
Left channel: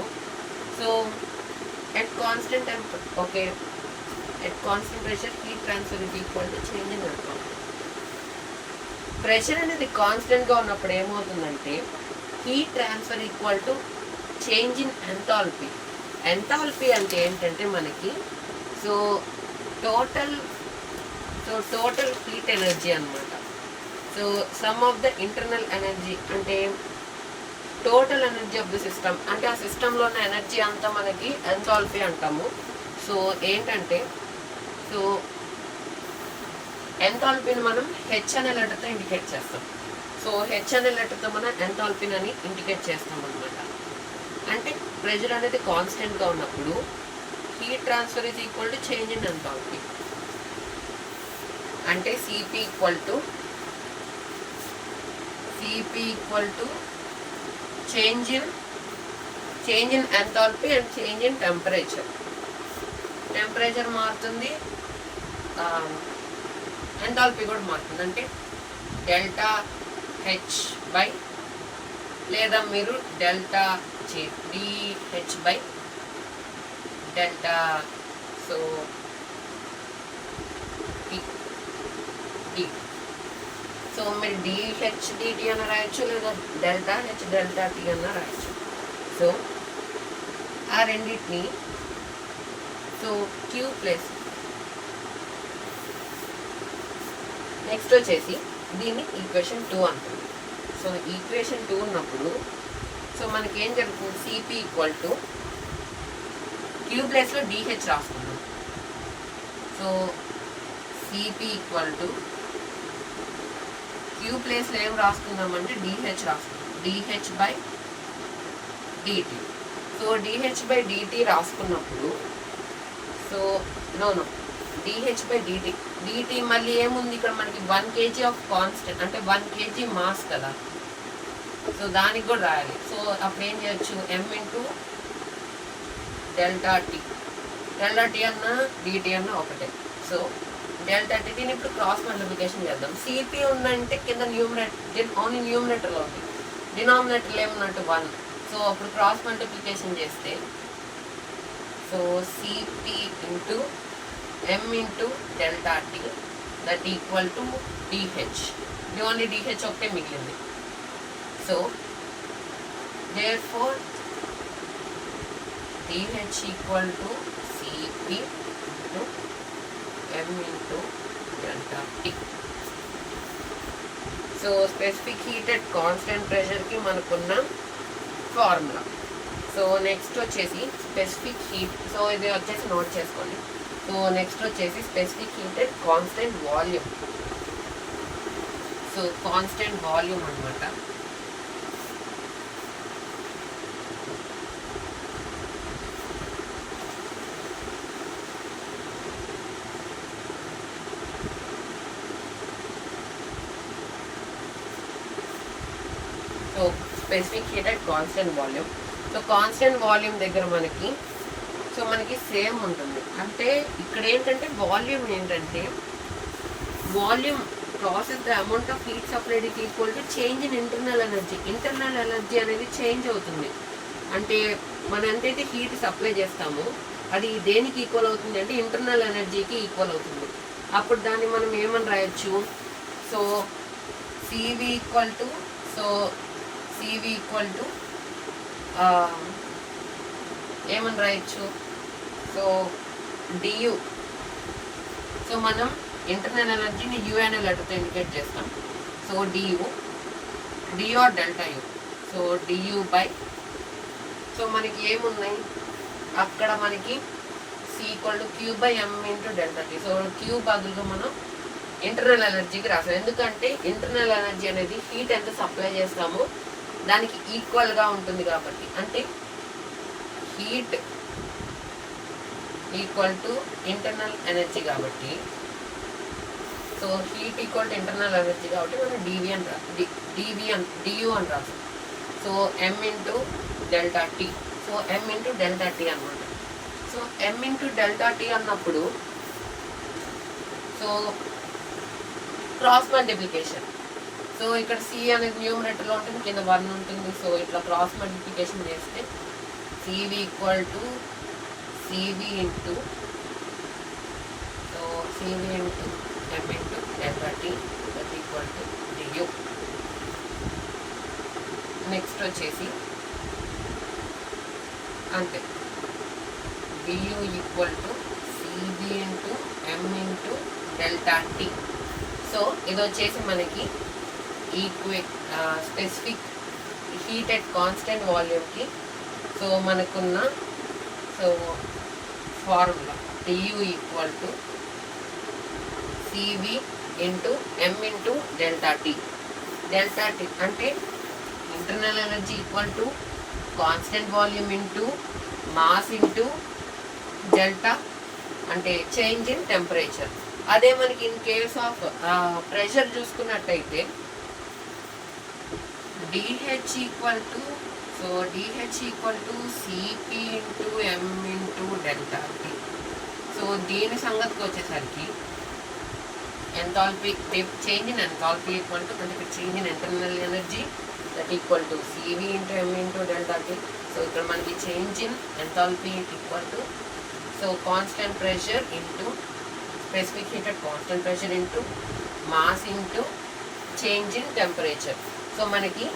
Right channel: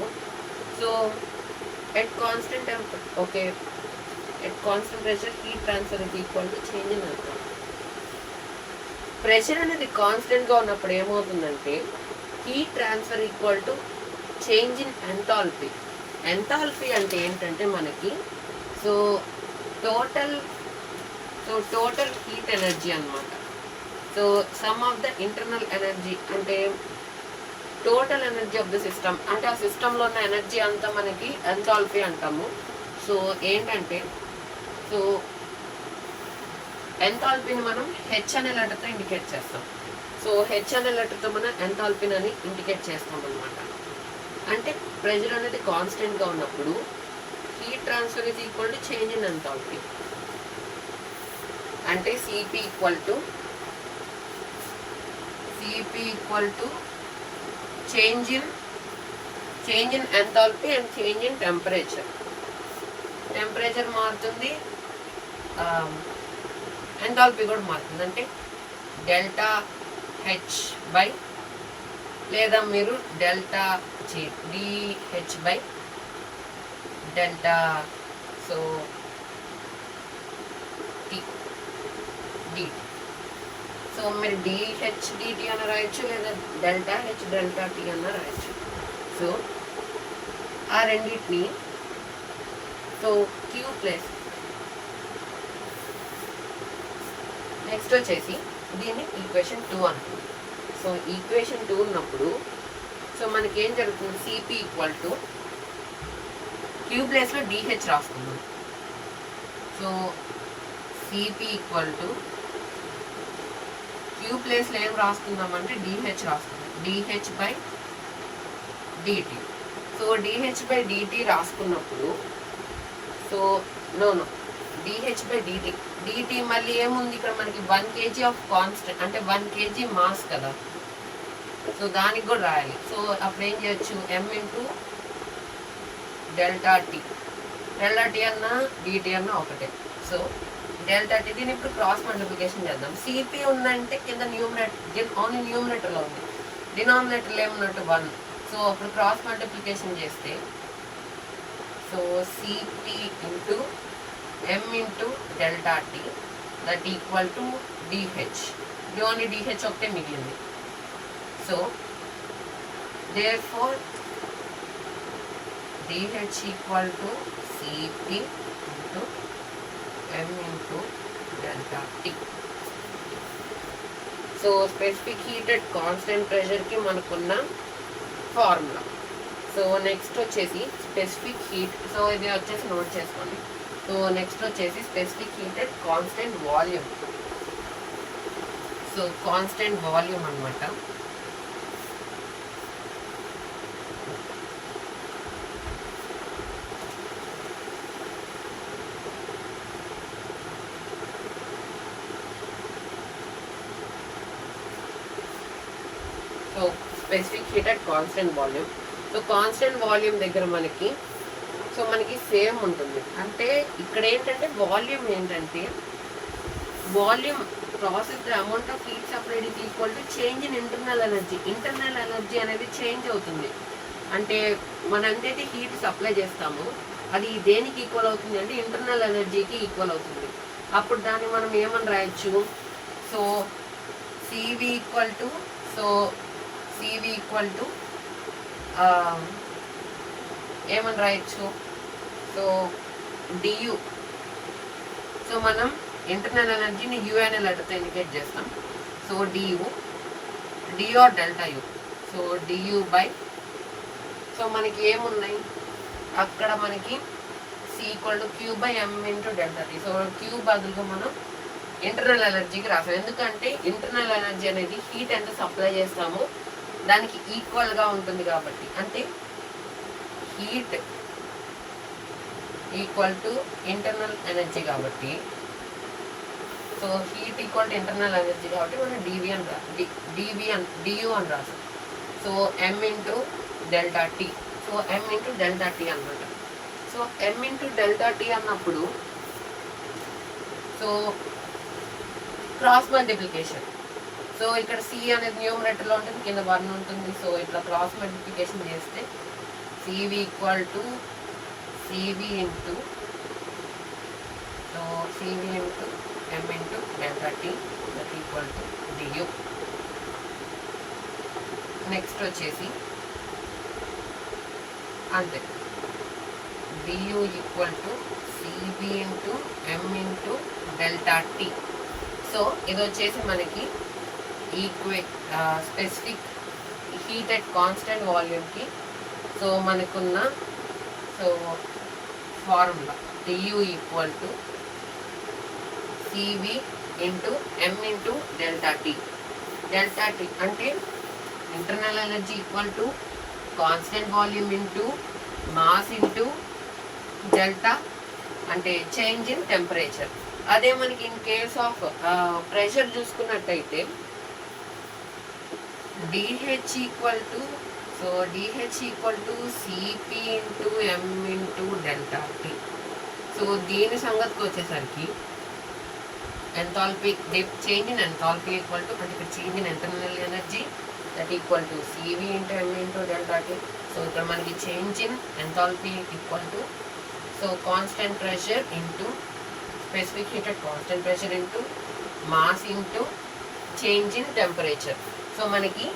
so at constant temperature, okay, at constant pressure heat transfer is equal to change in enthalpy. Pressure అనేది కాన్స్టెంట్గా ఉన్నప్పుడు ఏమవుతుందంటే heat transfer equal to change in enthalpy. Enthalpy అంటే ఏంటంటే మనకి సో టోటల్ హీట్ ఎనర్జీ అన్నమాట. So sum of the internal energy అంటే total energy of the system, అంటే ఆ సిస్టంలో ఉన్న ఎనర్జీ అంతా మనకి ఎంథాల్పీ అంటాము. సో ఏంటంటే సో ఎంథాల్పీని మనం హెచ్ అనే లెటర్తో ఇండికేట్ చేస్తాం. సో హెచ్ అనే లెటర్తో మనం ఎంథాల్పీని అని ఇండికేట్ చేస్తాం అనమాట. అంటే ప్రెషర్ అనేది కాన్స్టెంట్గా ఉన్నప్పుడు heat transfer is equal to change in enthalpy. అంటే CP equal to change in enthalpy and change in temperature. Temperature మారుతుంది, ఎంథాల్పీ కూడా మారుతుంది. అంటే డెల్టా హెచ్ బై లేదా మీరు delta DH by delta so D. So మీరు డిహెచ్ డిటి అన్న రాయొచ్చు లేదా డెల్టా హెచ్ డెల్టా టి అన్న రాయొచ్చు. సో ఆ రెండింటిని సో క్యూ ప్లస్ నెక్స్ట్ వచ్చేసి దీన్ని ఈక్వేషన్ 2 అంటుంది. సో ఈక్వేషన్ 2 ఉన్నప్పుడు సో మనకి ఏం జరుగుతుంది, సిపి ఈక్వల్ టు క్యూ ప్లేస్లో డిహెచ్ రాసుకుందాం. So CP equal to Q ప్లేస్లో ఏం రాసుకుందాం అంటే డిహెచ్ రాసుకుందాం, DH by DT. So DH by DT రాసుకున్నప్పుడు so no DH by DT, DT మళ్ళీ ఏముంది ఇక్కడ మనకి 1 kg ఆఫ్ కాన్స్టెంట్ అంటే 1 kg మాస్ కదా. సో దానికి కూడా రాయాలి. సో అప్పుడు ఏం చేయొచ్చు, M into delta T. Delta T అన్నా డిటి అన్నా ఒకటే. సో డెల్టా టీ, దీన్ని ఇప్పుడు క్రాస్ మల్టిప్లికేషన్ చేద్దాం. సిపి ఉందంటే కింద ఓన్లీ న్యూమినేటర్లో ఉంది, డినామినేటర్లో ఏమున్నట్టు 1. సో అప్పుడు క్రాస్ మల్టిప్లికేషన్ చేస్తే so CP into m into delta t that equal to dh. The only dh ఒకటే మిగిలింది. So therefore dh equal to cp into m into delta t. So specific heat at constant ప్రెషర్కి మనకున్న formula. So next వచ్చేసి specific heat, so ఇది వచ్చేసి note చేసుకోండి. So next వచ్చేసి specific heat at constant volume. So constant volume అనమాట. So specific heat at constant volume. So constant volume దగ్గర మనకి సో మనకి సేమ్ ఉంటుంది. అంటే ఇక్కడ ఏంటంటే వాల్యూమ్ ఏంటంటే volume process the amount of heat supplied is equal to change in internal energy. Internal energy అనేది చేంజ్ అవుతుంది. అంటే మనం ఎంతైతే హీట్ సప్లై చేస్తామో అది దేనికి ఈక్వల్ అవుతుంది అంటే ఇంటర్నల్ ఎనర్జీకి ఈక్వల్ అవుతుంది. అప్పుడు దాన్ని మనం ఏమని రాయొచ్చు, సో సివి ఈక్వల్ టు ఏమని రాయొచ్చు, సో డియు. సో మనం ఇంటర్నల్ ఎనర్జీని యు అనే లెటర్తో ఇండికేట్ చేస్తాం. So DU or delta U. So DU by so మనకి ఏమున్నాయి అక్కడ మనకి C equal to Q by M into delta T. So Q బదులుగా మనం ఇంటర్నల్ ఎనర్జీకి రాసాం. ఎందుకంటే ఇంటర్నల్ ఎనర్జీ అనేది హీట్ ఎంత సప్లై చేస్తామో దానికి ఈక్వల్గా ఉంటుంది కాబట్టి. అంటే heat equal to internal energy కాబట్టి so heat equal to internal energy కాబట్టి మనం డియు అని రాస్తాం. So m into delta T. So m into delta T అనమాట. So m into delta T అన్నప్పుడు సో క్రాస్ మల్టిప్లికేషన్. సో ఇక్కడ C అనేది న్యూమరేటర్లో ఉంటుంది, కింద 1 ఉంటుంది. సో ఇట్లా క్రాస్ మల్టిప్లికేషన్ చేస్తే CV equal to CV into CV into M into delta T that equal to du. Next వచ్చేసి అంతే du equal to CV into M into delta T. So ఇది వచ్చేసి మనకి స్పెసిఫిక్ హీట్ ఎట్ కాన్స్టెంట్ వాల్యూమ్కి so మనకున్న so formula du equal to CV into M into delta T. Delta T అంటే internal energy equal to constant volume into mass into delta అంటే change in temperature. అదే మనకి in case of pressure చూసుకున్నట్టయితే DH equal to CP into M into delta T. So దీని సంగతికి వచ్చేసరికి enthalpy change in enthalpy equal to అంటే ఇక్కడ change in internal energy that equal to CV into M into delta T. So ఇక్కడ మనకి change in enthalpy equal to so constant pressure into specific heat at constant pressure into mass into change in temperature. So మనకి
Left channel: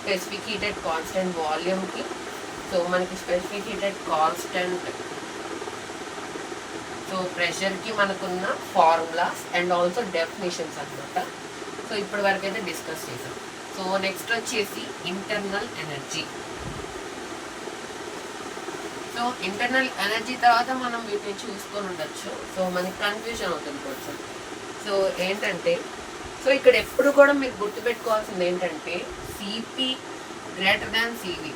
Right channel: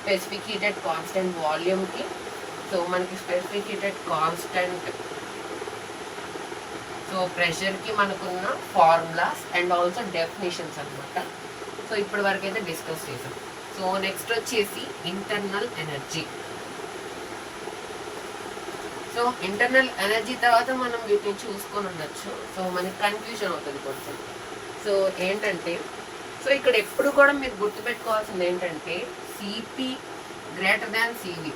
specific heat at constant వాల్యూమ్కి so మనకి specific heat at constant so ప్రెషర్కి మనకున్న formulas and also definitions అనమాట. So ఇప్పటి వరకు అయితే discuss చేసాం. సో నెక్స్ట్ వచ్చేసి internal energy. So internal energy తర్వాత మనం వీటిని చూసుకొని ఉండొచ్చు. సో మనకి కన్ఫ్యూజన్ అవుతుంది కొంచెం. సో ఏంటంటే సో ఇక్కడ ఎప్పుడు కూడా మీరు గుర్తుపెట్టుకోవాల్సింది ఏంటంటే CP greater than CV.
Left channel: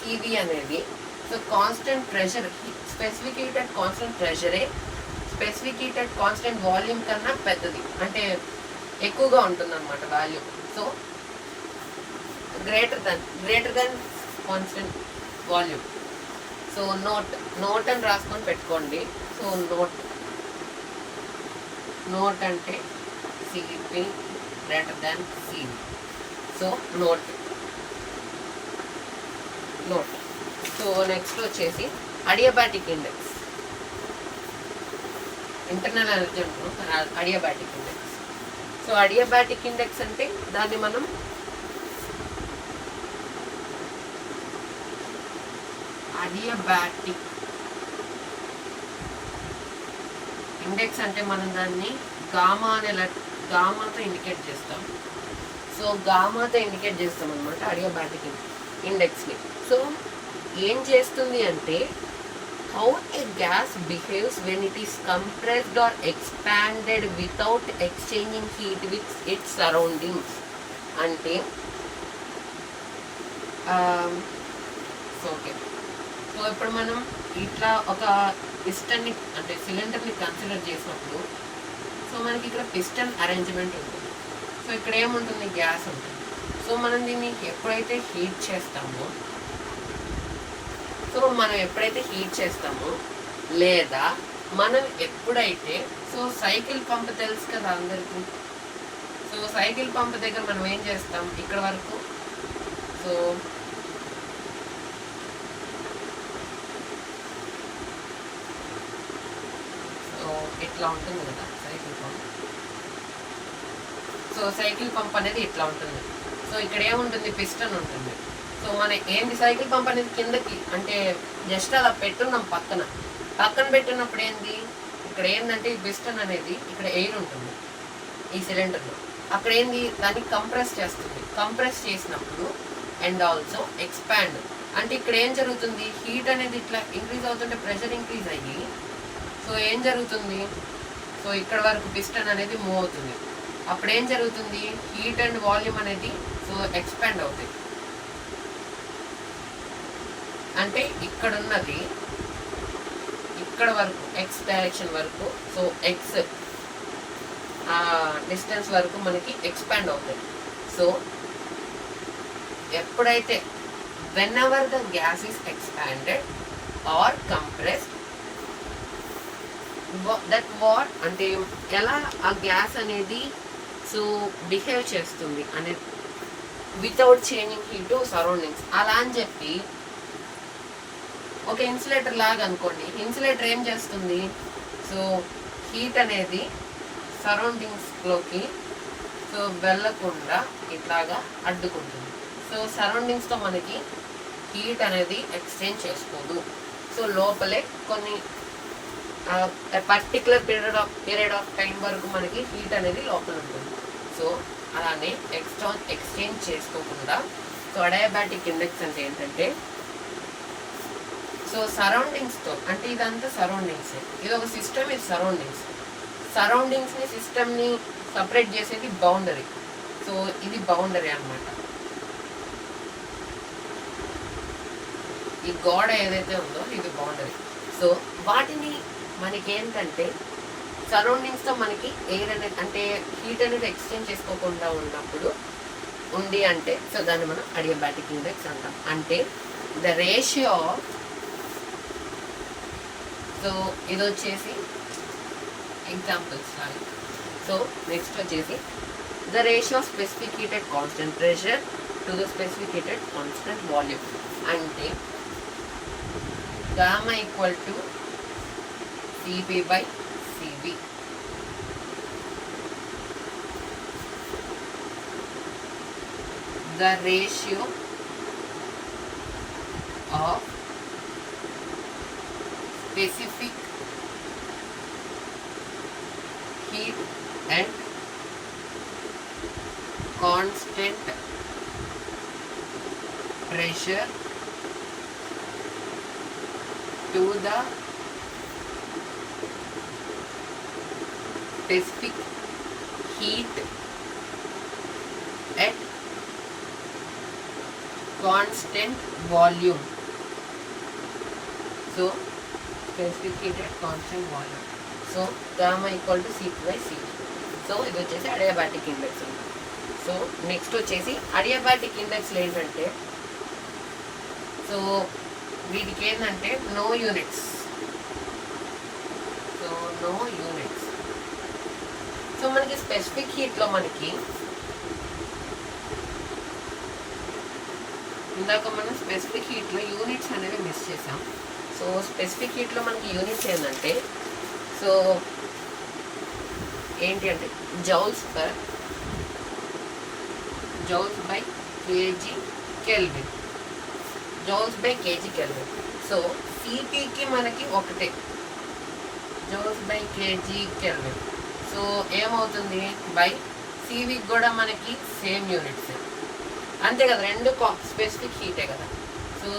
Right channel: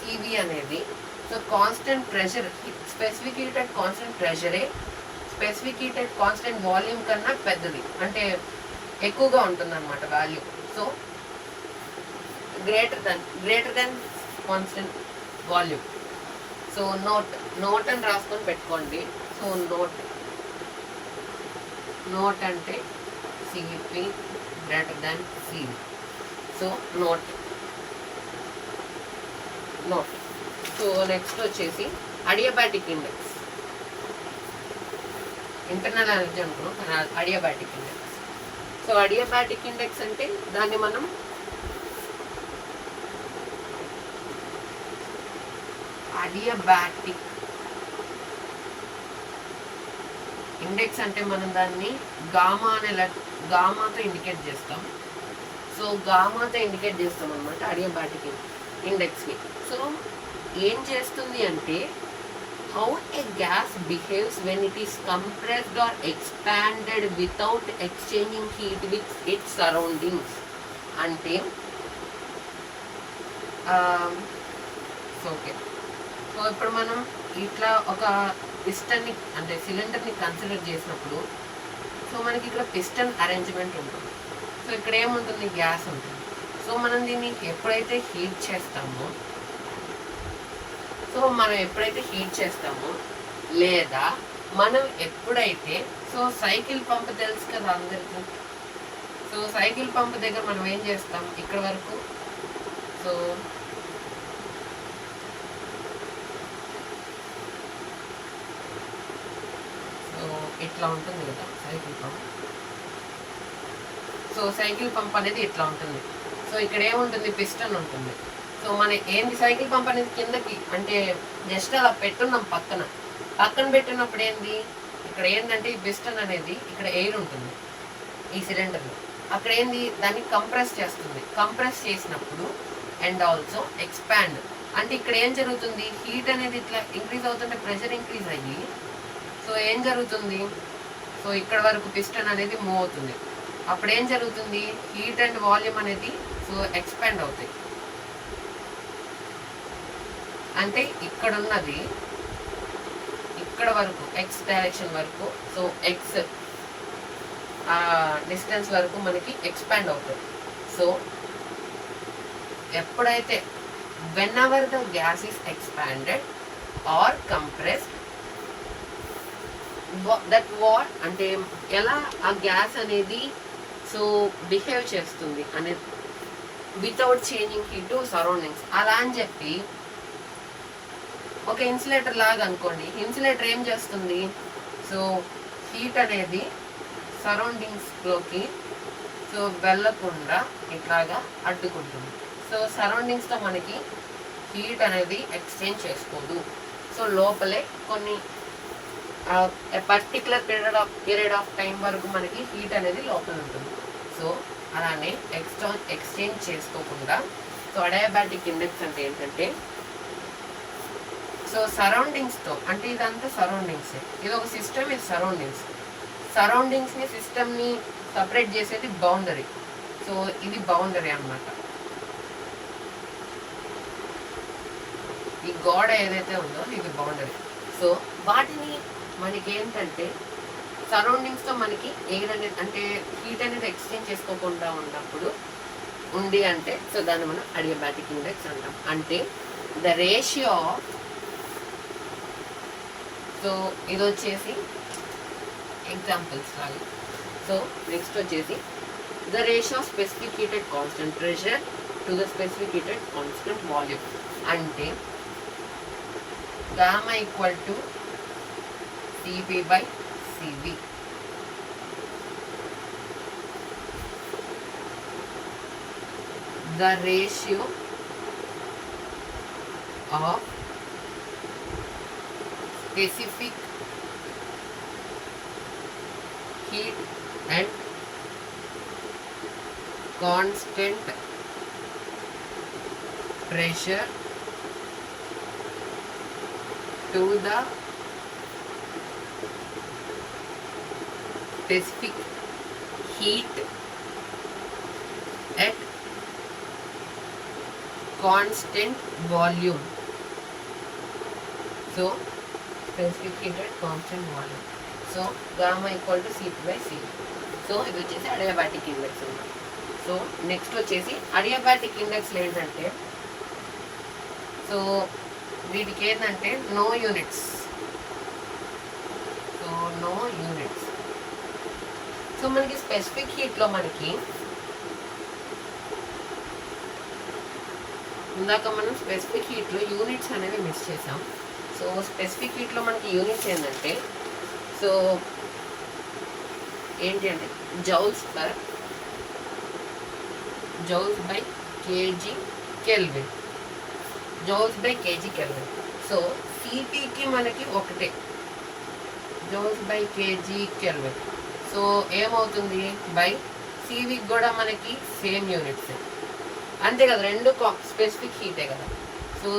CP అనేది so constant pressure specific heat at constant ప్రెషరే specific heat at constant volume కన్నా పెద్దది అంటే ఎక్కువగా ఉంటుంది అనమాట volume. So greater than constant volume. So note అని రాసుకొని పెట్టుకోండి. సో నోట్ అంటే CP greater than CV. So note. So next వచ్చేసి అడియాబాటిక్ ఇండెక్స్. ఇంటర్నల్ ఎనర్జీ అనుకున్నాం, adiabatic index. So adiabatic index అంటే దాన్ని మనం అడియాబాటిక్ ఇండెక్స్ అంటే మనం దాన్ని గామాతో ఇండికేట్ చేస్తాం. సో గామాతో ఇండికేట్ చేస్తాం అనమాట అడియాబాటిక్ ఇండెక్స్ని. సో ఏం చేస్తుంది అంటే how a gas behaves when it is compressed or expanded without exchanging heat with its surroundings. అంటే ఓకే. సో ఇప్పుడు మనం ఇట్లా ఒక పిస్టన్ని అంటే సిలిండర్ని కన్సిడర్ చేసినప్పుడు సో మనకి ఇక్కడ పిస్టన్ అరేంజ్మెంట్ ఉంటుంది. సో ఇక్కడ ఏముంటుంది, గ్యాస్ ఉంటుంది. సో మనం దీన్ని ఎప్పుడైతే హీట్ చేస్తామో లేదా మనం ఎప్పుడైతే సో సైకిల్ పంప్ తెలుసు కదా అందరికీ. సో సైకిల్ పంప్ దగ్గర మనం ఏం చేస్తాం, ఇక్కడ వరకు సో ఇట్లా ఉంటుంది కదా cycle pump. So cycle pump అనేది ఇట్లా ఉంటుంది. సో ఇక్కడ ఏముంటుంది, పిస్టన్ ఉంటుంది. సో మన ఏంటి సైకిల్ పంప్ అనేది కిందకి అంటే జస్ట్ అలా పెట్టున్నాం పక్కన పెట్టినప్పుడు ఏంది, ఇక్కడ ఏంటంటే ఈ పిస్టన్ అనేది ఇక్కడ ఎయిర్ ఉంటుంది ఈ సిలిండర్లో. అక్కడ ఏంది, దాన్ని కంప్రెస్ చేస్తుంది. కంప్రెస్ చేసినప్పుడు అండ్ ఆల్సో ఎక్స్పాండ్ అంటే ఇక్కడ ఏం జరుగుతుంది, హీట్ అనేది ఇట్లా ఇంక్రీజ్ అవుతుంటే ప్రెషర్ ఇంక్రీజ్ అయ్యి సో ఏం జరుగుతుంది, సో ఇక్కడ వరకు పిస్టన్ అనేది మూవ్ అవుతుంది. అప్పుడు ఏం జరుగుతుంది, హీట్ అండ్ వాల్యూమ్ అనేది సో ఎక్స్పాండ్ అవుతాయి. అంటే ఇక్కడున్నది ఇక్కడ వరకు ఎక్స్ డైరెక్షన్ వరకు సో ఎక్స్ డిస్టెన్స్ వరకు మనకి ఎక్స్పాండ్ అవుతుంది. సో ఎప్పుడైతే whenever the gas is expanded or compressed that what అంటే ఎలా ఆ గ్యాస్ అనేది సో బిహేవ్ చేస్తుంది అనేది without changing heat to surroundings. అలా అని చెప్పి ఒక ఇన్సులేటర్ లాగా అనుకోండి. ఇన్సులేటర్ ఏం చేస్తుంది, సో హీట్ అనేది సరౌండింగ్స్లోకి సో వెళ్ళకుండా ఇట్లాగా అడ్డుకుంటుంది. సో సరౌండింగ్స్తో మనకి హీట్ అనేది ఎక్స్చేంజ్ చేసుకోదు. సో లోపలే కొన్ని పర్టికులర్ పీరియడ్ ఆఫ్ టైం వరకు మనకి హీట్ అనేది లోపల ఉంటుంది. సో అలానే ఎక్స్చేంజ్ చేసుకోకుండా సో అడియాబాటిక్ ఇండెక్స్ అంటే ఏంటంటే సో సరౌండింగ్స్తో, అంటే ఇదంతా సరౌండింగ్స్, ఇది ఒక సిస్టమ్, ఇది సరౌండింగ్స్ని సిస్టమ్ని సపరేట్ చేసేది బౌండరీ. సో ఇది బౌండరీ అన్నమాట. ఈ గోడ ఏదైతే ఉందో ఇది బౌండరీ. సో వాటిని మనకి ఏంటంటే సరౌండింగ్స్తో మనకి ఎయిర్ అనేది అంటే హీట్ అనేది ఎక్స్చేంజ్ చేసుకోకుండా ఉన్నప్పుడు ఉంది అంటే సో దాన్ని మనం అడియాబాటిక్ ఇండెక్స్ అంటాం. అంటే ద రేషియో ఆఫ్, సో ఇది వచ్చేసి ఎగ్జాంపుల్స్ లాగా. సో నెక్స్ట్ వచ్చేసి the ratio of specific heated constant pressure to the specific heated constant volume. అంటే gamma equal to CP by CV. The ratio of specific heat and constant pressure to the specific heat at constant volume. So specific heat at constant volume. So gamma equal to Cp by Cv. So ఇది వచ్చేసి adiabatic index ఉంది. So next వచ్చేసి adiabatic ఇండెక్స్లో ఏంటంటే so వీటికి ఏంటంటే no units. So no units. So మనకి స్పెసిఫిక్ హీట్లో మనకి ఇందాక మనం స్పెసిఫిక్ హీట్లో యూనిట్స్ అనేవి మిస్ చేసాం. సో స్పెసిఫిక్ హీట్లో మనకి యూనిట్స్ ఏంటంటే సో ఏంటి అంటే joules by kg kelvin. Joules by kg kelvin. So సిపికి మనకి ఒకటే joules by kg kelvin. So ఏమవుతుంది బై సివికి కూడా మనకి సేమ్ యూనిట్స్ అంతే కదా, రెండు స్పెసిఫిక్ హీటే కదా. సో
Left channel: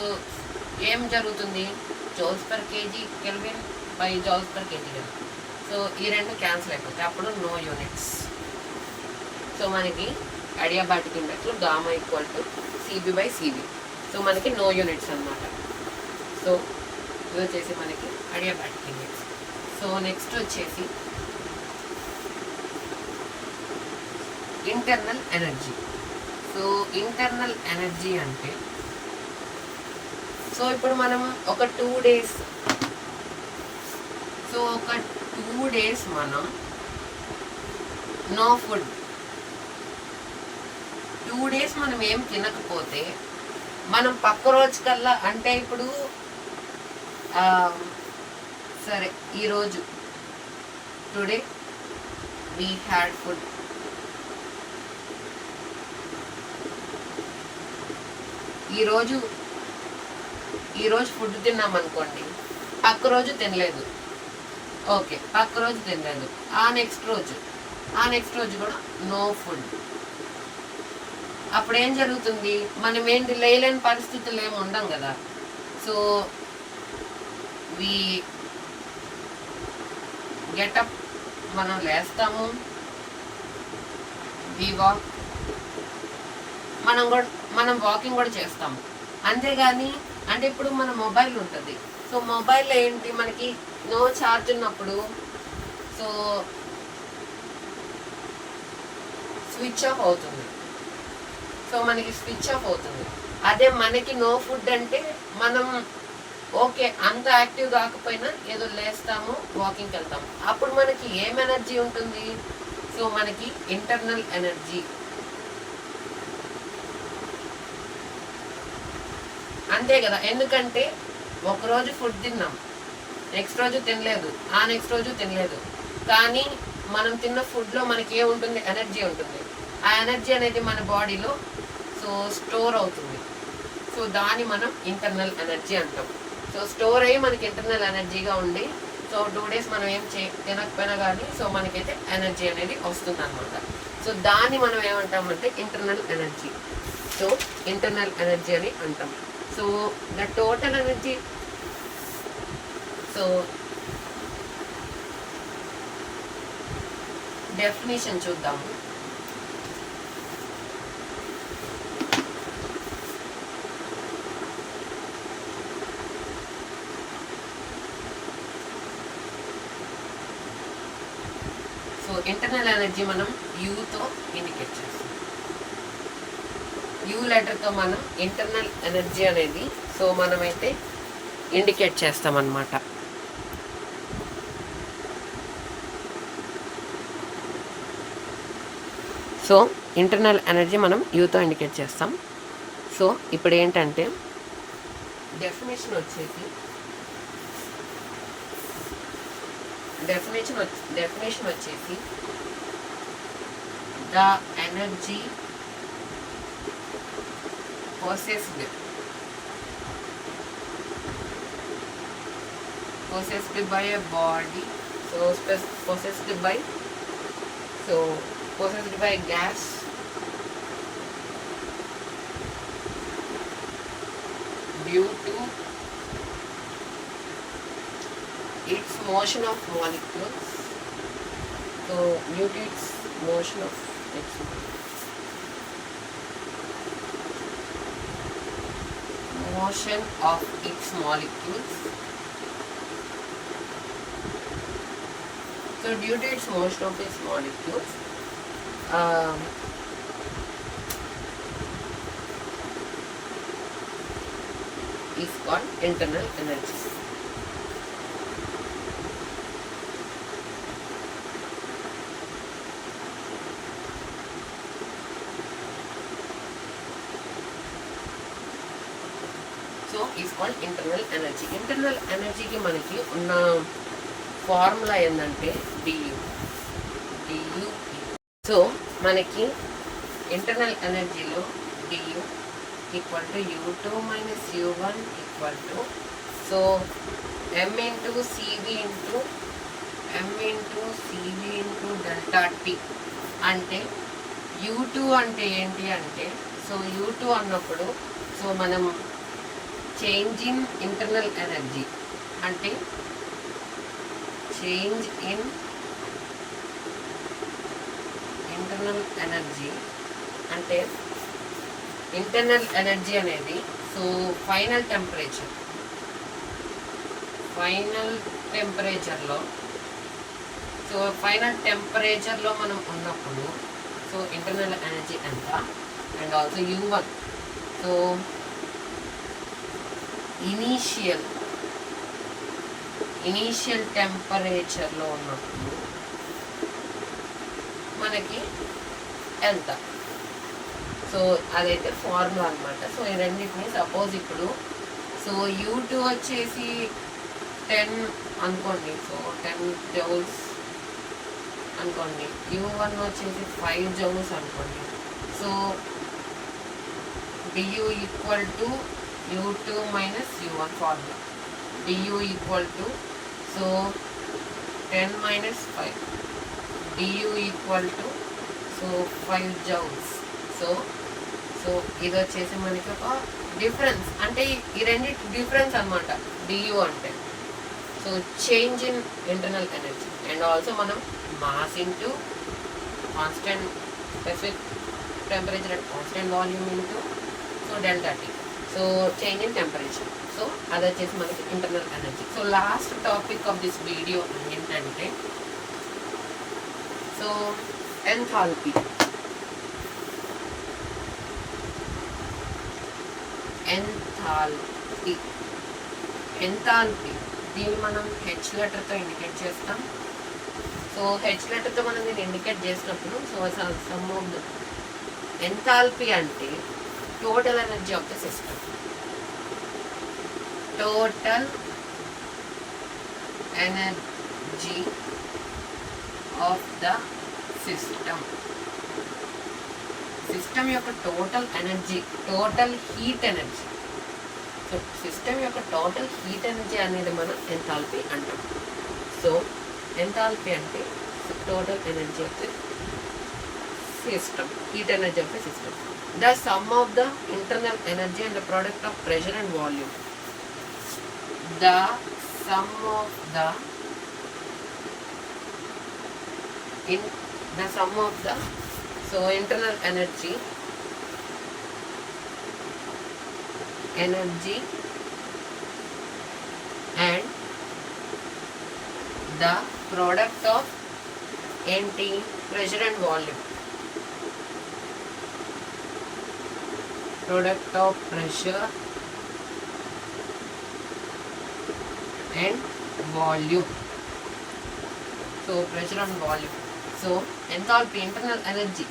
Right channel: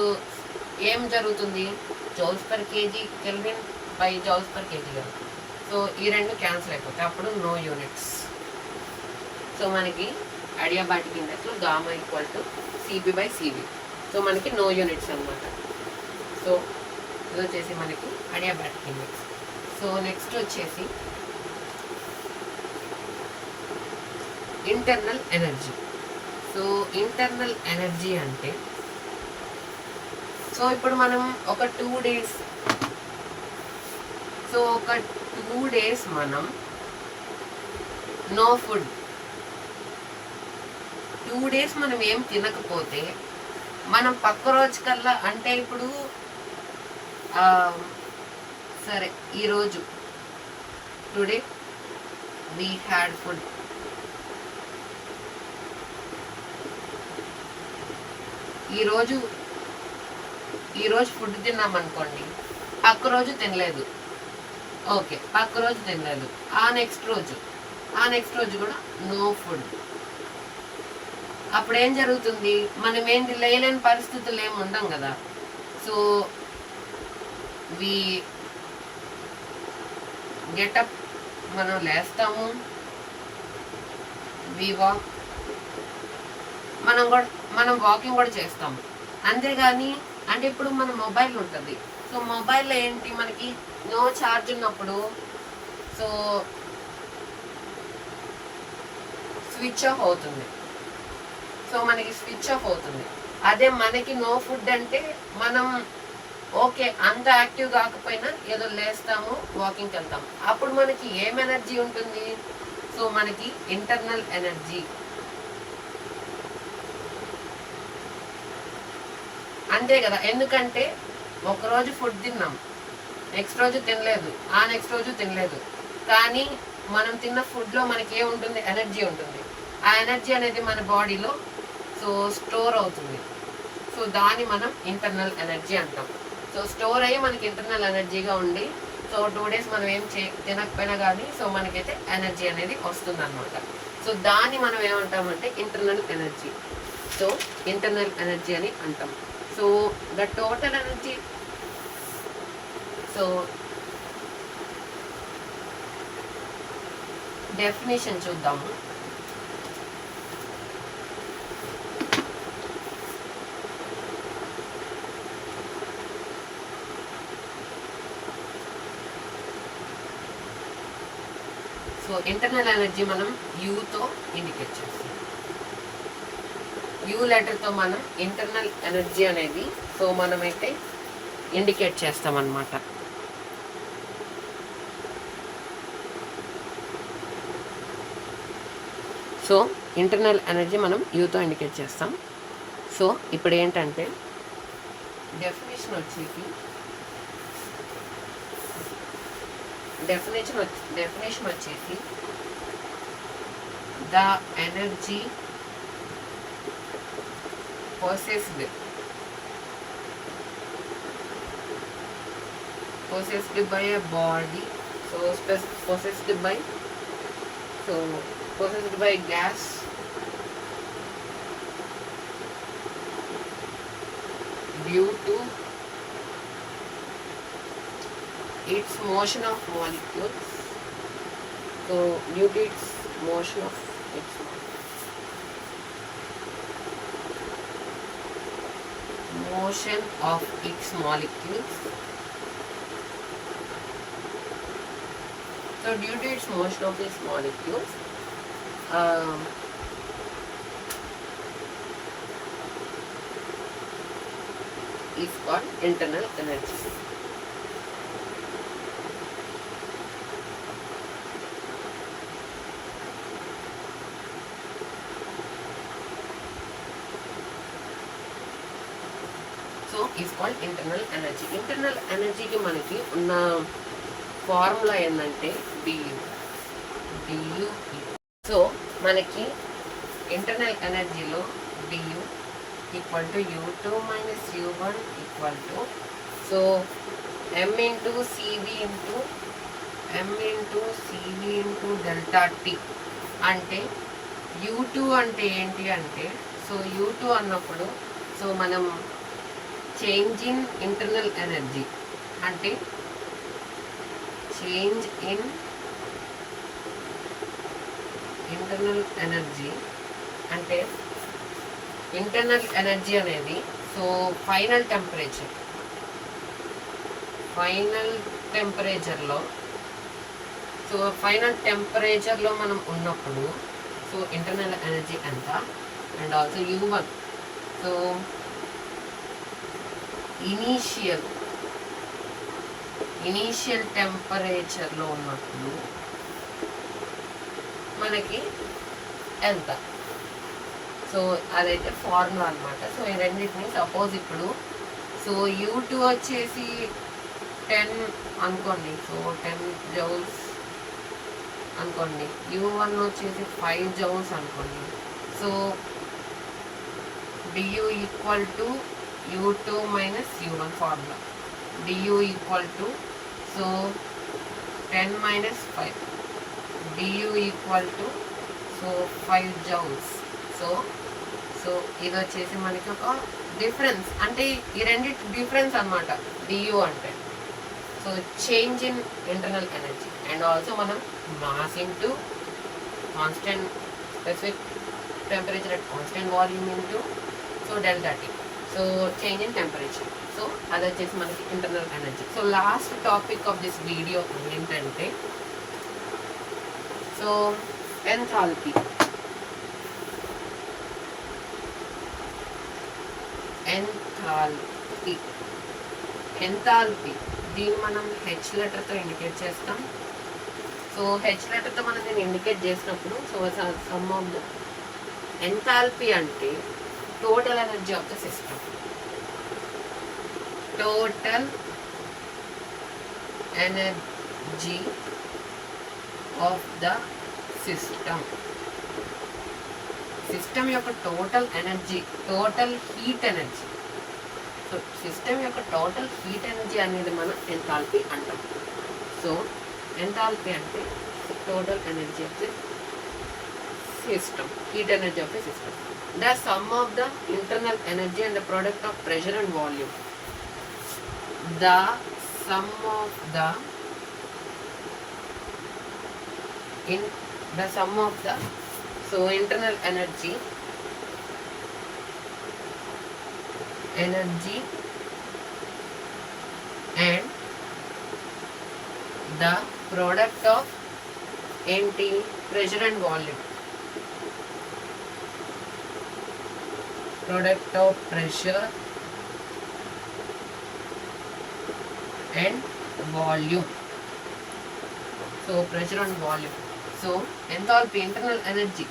ఏం జరుగుతుంది joules per kg kelvin by joules per kg kelvin. So ఈ రెండు క్యాన్సిల్ అయిపోతాయి, అప్పుడు నో యూనిట్స్. సో మనకి అడియాబాటిక్ ఇండెక్స్లో gamma equal to CP by CV. So మనకి నో యూనిట్స్ అన్నమాట. సో ఇది వచ్చేసి మనకి అడియాబాటిక్ ఇండెక్స్. సో నెక్స్ట్ వచ్చేసి internal energy. So internal energy అంటే సో ఇప్పుడు మనం ఒక 2 days సో ఒక 2 days మనం నో ఫుడ్ 2 days మనం ఏం తినకపోతే మనం పక్క రోజు కల్లా అంటే ఇప్పుడు సరే ఈరోజు టుడే వీ హ్యాడ్ ఫుడ్, ఈరోజు ఫుడ్ తిన్నాం అనుకోండి, పక్క రోజు తినలేదు, ఓకే పక్క రోజు తినలేదు, ఆ నెక్స్ట్ రోజు కూడా నో ఫుడ్. అప్పుడు ఏం జరుగుతుంది, మనం ఏంటి లేలేని పరిస్థితులు ఏమి ఉండం కదా. సో వి గెటప్, మనం లేస్తాము, వి వాక్, మనం వాకింగ్ కూడా చేస్తాము. అంతేగాని అంటే ఇప్పుడు మన మొబైల్ ఉంటుంది, సో మొబైల్లో ఏంటి మనకి నో ఛార్జ్ ఉన్నప్పుడు సో స్విచ్ ఆఫ్ అవుతుంది. సో మనకి స్విచ్ ఆఫ్ అవుతుంది. అదే మనకి నో ఫుడ్ అంటే మనం ఓకే అంత యాక్టివ్ కాకపోయినా ఏదో లేస్తాము, వాకింగ్కి వెళ్తాము, అప్పుడు మనకి ఏం ఎనర్జీ ఉంటుంది, సో మనకి ఇంటర్నల్ ఎనర్జీ. అంతే కదా, ఎందుకంటే ఒకరోజు ఫుడ్ తిన్నాం, నెక్స్ట్ రోజు తినలేదు, ఆ నెక్స్ట్ రోజు తినలేదు, కానీ మనం తిన్న ఫుడ్లో మనకి ఏముంటుంది, ఎనర్జీ ఉంటుంది. ఆ ఎనర్జీ అనేది మన బాడీలో సో స్టోర్ అవుతుంది. సో దాన్ని మనం ఇంటర్నల్ ఎనర్జీ అంటాం. సో స్టోర్ అయ్యి మనకి ఇంటర్నల్ ఎనర్జీగా ఉండి సో 2 days మనం ఏం తినకపోయినా కానీ సో మనకైతే ఎనర్జీ అనేది వస్తుంది అనమాట. సో దాన్ని మనం ఏమంటామంటే internal energy. So internal energy అని అంటాం. So the total energy, so definition చూద్దాము. సో ఇంటర్నల్ ఎనర్జీ మనం యూతో ఇండికేట్ చేస్తాం. యూ లెటర్తో మనం ఇంటర్నల్ ఎనర్జీ అనేది సో మనమైతే ఇండికేట్ చేస్తాం అన్నమాట. సో ఇంటర్నల్ ఎనర్జీ మనం యూతో ఇండికేట్ చేస్తాం. సో ఇప్పుడు ఏంటంటే డెఫినేషన్ వచ్చేసి డెఫినేషన్ వచ్చేసి the energy possessed by a body, so possessed by gas due to its motion of molecules. So due to its motion of its molecules. So due to its motion of its molecules, is called internal energy. So is called internal energy. Internal ఎనర్జీకి మనకి ఉన్న formula ఏంటంటే DU. So మనకి internal ఎనర్జీలో DU equal to U2 minus U1 equal to so M into CV into delta T. అంటే U2 అంటే ఏంటి అంటే సో U2 అన్నప్పుడు సో మనం చేంజ్ ఇన్ ఇంటర్నల్ ఎనర్జీ అంటే చేంజ్ ఇన్ ఇంటర్నల్ ఎనర్జీ అంటే ఇంటర్నల్ ఎనర్జీ అనేది సో ఫైనల్ టెంపరేచర్లో మనం ఉన్నప్పుడు సో ఇంటర్నల్ ఎనర్జీ ఎంత. And also U1 so initial టెంపరేచర్లో ఉన్నప్పుడు మనకి ఎంత. సో అదైతే ఫార్ములా అనమాట. సో ఈ రెండింటిని సపోజ్ ఇప్పుడు సో U2 వచ్చేసి 10 అనుకోండి, సో 10 జౌల్స్ అనుకోండి. U1 వచ్చేసి 5 జౌల్స్ అనుకోండి. So DU equal to U2 minus U1 formula. Du equal to so 10 minus 5. Du equal to so 5 joules. So ఇది వచ్చేసి మనకి ఒక డిఫరెన్స్ అంటే ఈ రెండింటి డిఫరెన్స్ అనమాట డియు అంటే. So change in internal energy and also మనం mass into constant specific temperature at constant volume into so delta T. So change in temperature. So అది వచ్చేసి మనకి internal energy. So last topic of this video ఏంటంటే so enthalpy. Enthalpy దీన్ని మనం H లెటర్తో indicate చేస్తాం. So H లెటర్తో మనం దీన్ని ఇండికేట్ చేసినప్పుడు so sum of the enthalpy అంటే total energy of the system. Total energy of the system. System యొక్క total energy, total heat energy. So system యొక్క టోటల్ హీట్ ఎనర్జీ అనేది మనం ఎంథాల్పీ అంటాం. సో ఎంథాల్పీ అంటే total energy of the system, heat energy of the system. The sum of the internal energy and the product of pressure and volume. The sum of the so internal energy and the product of pressure and volume. Product of pressure and volume. So pressure and volume. So enthalpy, internal energy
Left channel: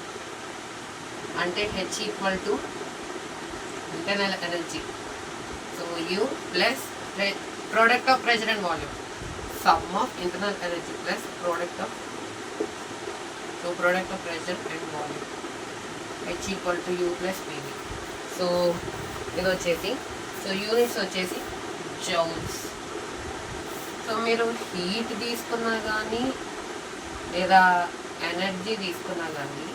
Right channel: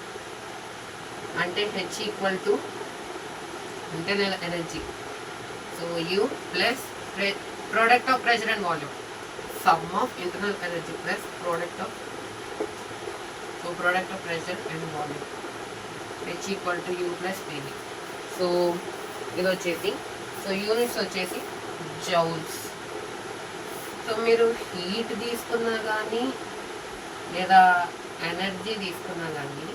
ante H equal to internal energy. So U plus product of pressure and volume. Sum of internal energy plus product of pressure and volume. H equal to U plus PV. So ఇది వచ్చేసి, so units వచ్చేసి joules. So మీరు heat తీసుకున్నా కానీ లేదా energy తీసుకున్నా కానీ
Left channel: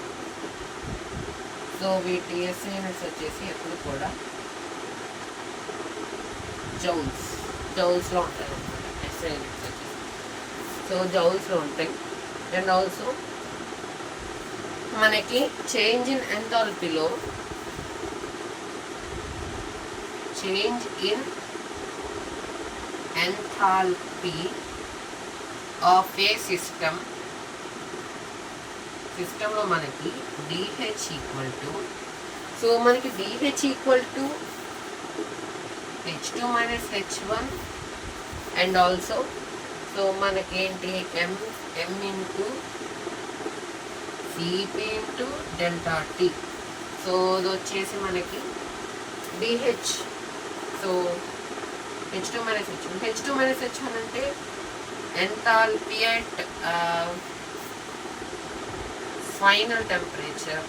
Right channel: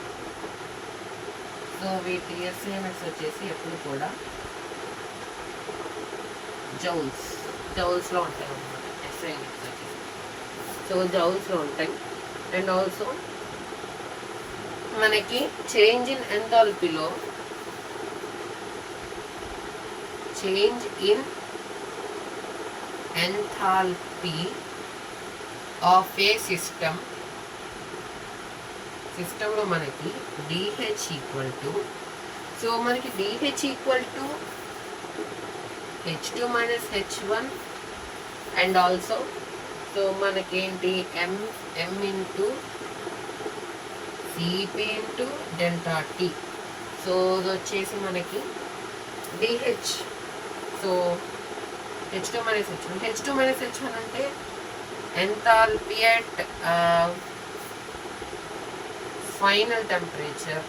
so వీటి ఎస్ఐ యూనిట్స్ వచ్చేసి ఎప్పుడు కూడా జౌల్స్లో ఉంటాయి అన్నమాట. ఎస్ఐ యూనిట్స్ వచ్చేసి సో జౌల్స్లో ఉంటాయి. అండ్ ఆల్సో మనకి చేంజ్ ఇన్ ఎంథాల్పీలో change in enthalpy of a system లో మనకి DH ఈక్వల్ టు, సో మనకి DH equal to H2 minus H1 and also so మనకేంటి M into CP into delta T. So ఇది వచ్చేసి మనకి DH. So H2 minus H1. H2 minus H1 అంటే enthalpy at final temperature.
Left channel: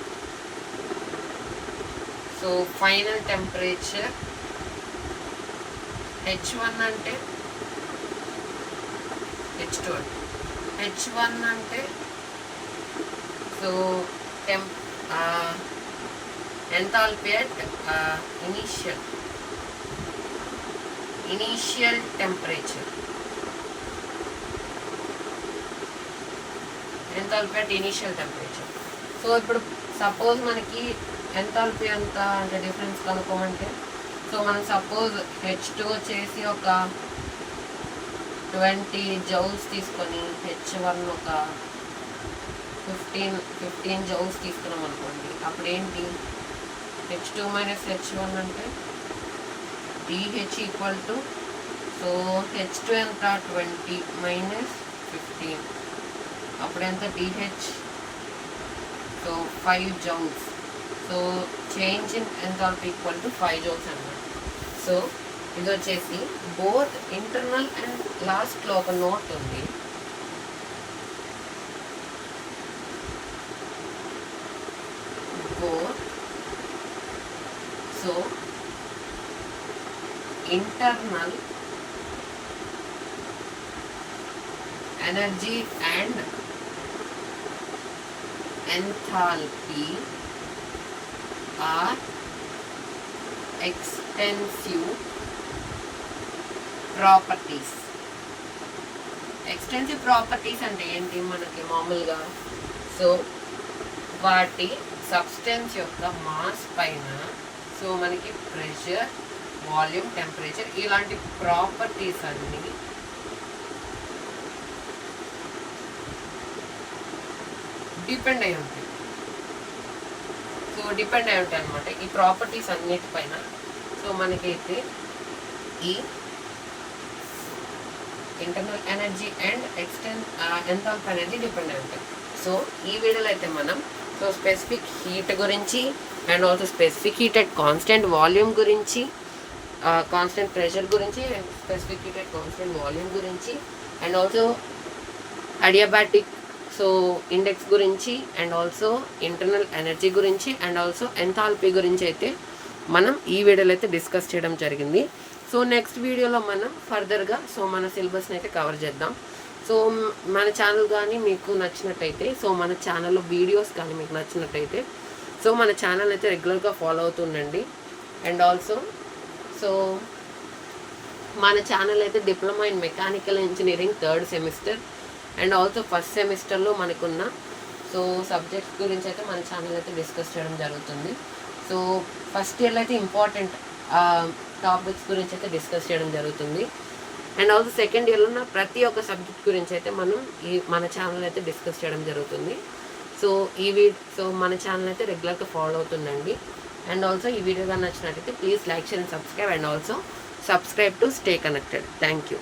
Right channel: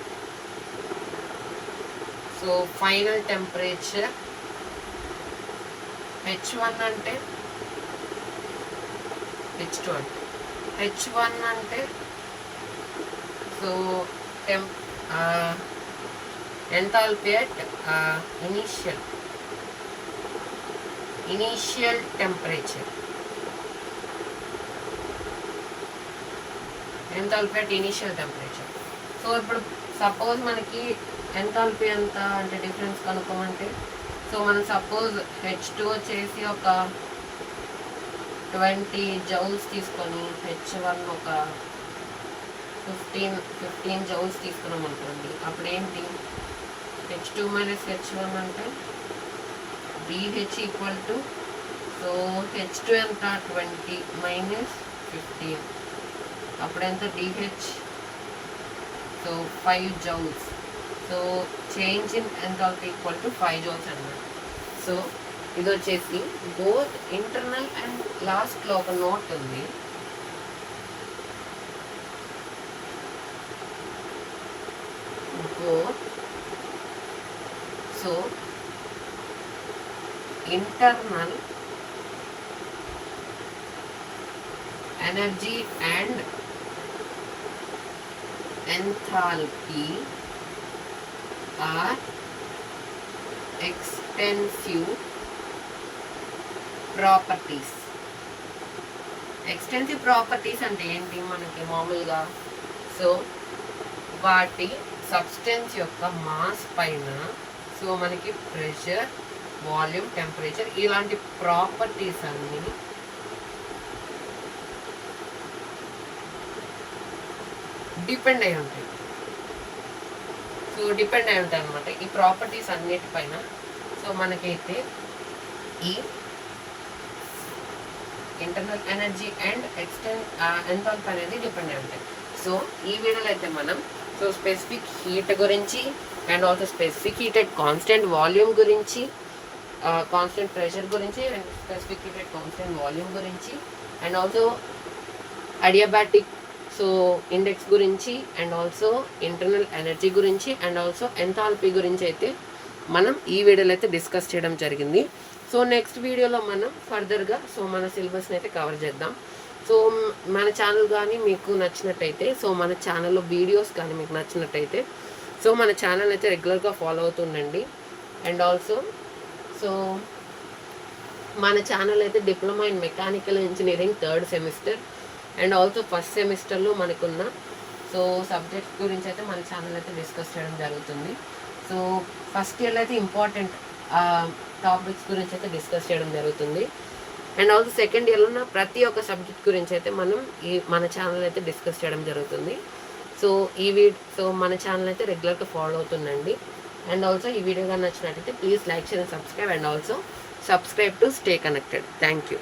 So final temperature H1 అంటే H2 అంటే H1 అంటే so enthalpy at initial temperature. Enthalpy at initial temperature. So ఇప్పుడు suppose మనకి enthalpy ఎంత అంటే డిఫరెన్స్ కనుక్కోమంటే సో మనం suppose H2 వచ్చేసి ఒక 20 జౌల్స్ తీసుకొని H1 ఒక 15 జౌల్స్ తీసుకున్నాం అనుకోండి. అప్పుడు ఏంటి H2 మైనస్ H1 అంటే DH equal to so H2 ఎంత 20 మైనస్ 15 అప్పుడు ఎంత DH so 5 joules. So change in enthalpy equal to 5 joules అన్నమాట. సో ఇది వచ్చేసి బోత్ ఇంటర్నల్ అండ్ లాస్ట్లో ఒక నోట్ ఉంది. Both so internal energy and enthalpy are extensive properties. Extensive properties అంటే ఏంటి మనకి మామూలుగా సో వాటి సబ్స్టెన్స్ యొక్క మాస్ పైన సో మనకి ప్రెషర్, వాల్యూమ్, టెంపరేచర్ ఇలాంటి ప్రాపర్టీస్ అన్ని డిపెండ్ అయి ఉంటాయి. సో డిపెండ్ అయి ఉంటాయి అనమాట ఈ ప్రాపర్టీస్ అన్నిటిపైన. సో మనకైతే ఈ ఇంటర్నల్ ఎనర్జీ అండ్ ఎంథాల్పీ అనేది డిపెండ్ అయి ఉంటాయి. సో ఈ వీడియోలో అయితే మనం సో స్పెసిఫిక్ హీట్ గురించి and also specific heat at constant volume గురించి, కాన్స్టెంట్ ప్రెషర్ గురించి and specific heat at constant volume గురించి and also adiabatic so index గురించి అండ్ ఆల్సో ఇంటర్నల్ ఎనర్జీ గురించి అండ్ ఆల్సో ఎంథాల్పీ గురించి అయితే మనం ఈ వీడియోలో అయితే డిస్కస్ చేయడం జరిగింది. సో నెక్స్ట్ వీడియోలో మనం ఫర్దర్గా సో మన సిలబస్ని అయితే కవర్ చేద్దాం. సో మన ఛానల్ కానీ మీకు నచ్చినట్టయితే, సో మన ఛానల్లో వీడియోస్ కానీ మీకు నచ్చినట్టయితే సో మన ఛానల్ అయితే రెగ్యులర్గా ఫాలో అవుతుండండి. అండ్ ఆల్సో సో మన ఛానల్ అయితే diploma in mechanical engineering 3rd semester and also first సెమిస్టర్లో మనకున్న సో సబ్జెక్ట్స్ గురించి అయితే మన ఛానల్ అయితే డిస్కస్ చేయడం జరుగుతుంది. సో ఫస్ట్ ఇయర్లో అయితే ఇంపార్టెంట్ టాపిక్స్ గురించి అయితే డిస్కస్ చేయడం జరుగుతుంది. అండ్ ఆల్సో సెకండ్ ఇయర్లో ఉన్న ప్రతి ఒక్క సబ్జెక్ట్ గురించి అయితే మనం మన ఛానల్ అయితే డిస్కస్ చేయడం జరుగుతుంది. సో సో మన ఛానల్ అయితే రెగ్యులర్గా ఫాలో అవుతుందండి. అండ్ ఆల్సో ఈ వీడియో కానీ నచ్చినట్టయితే please like, share and subscribe and also subscribe to stay connected. Thank you.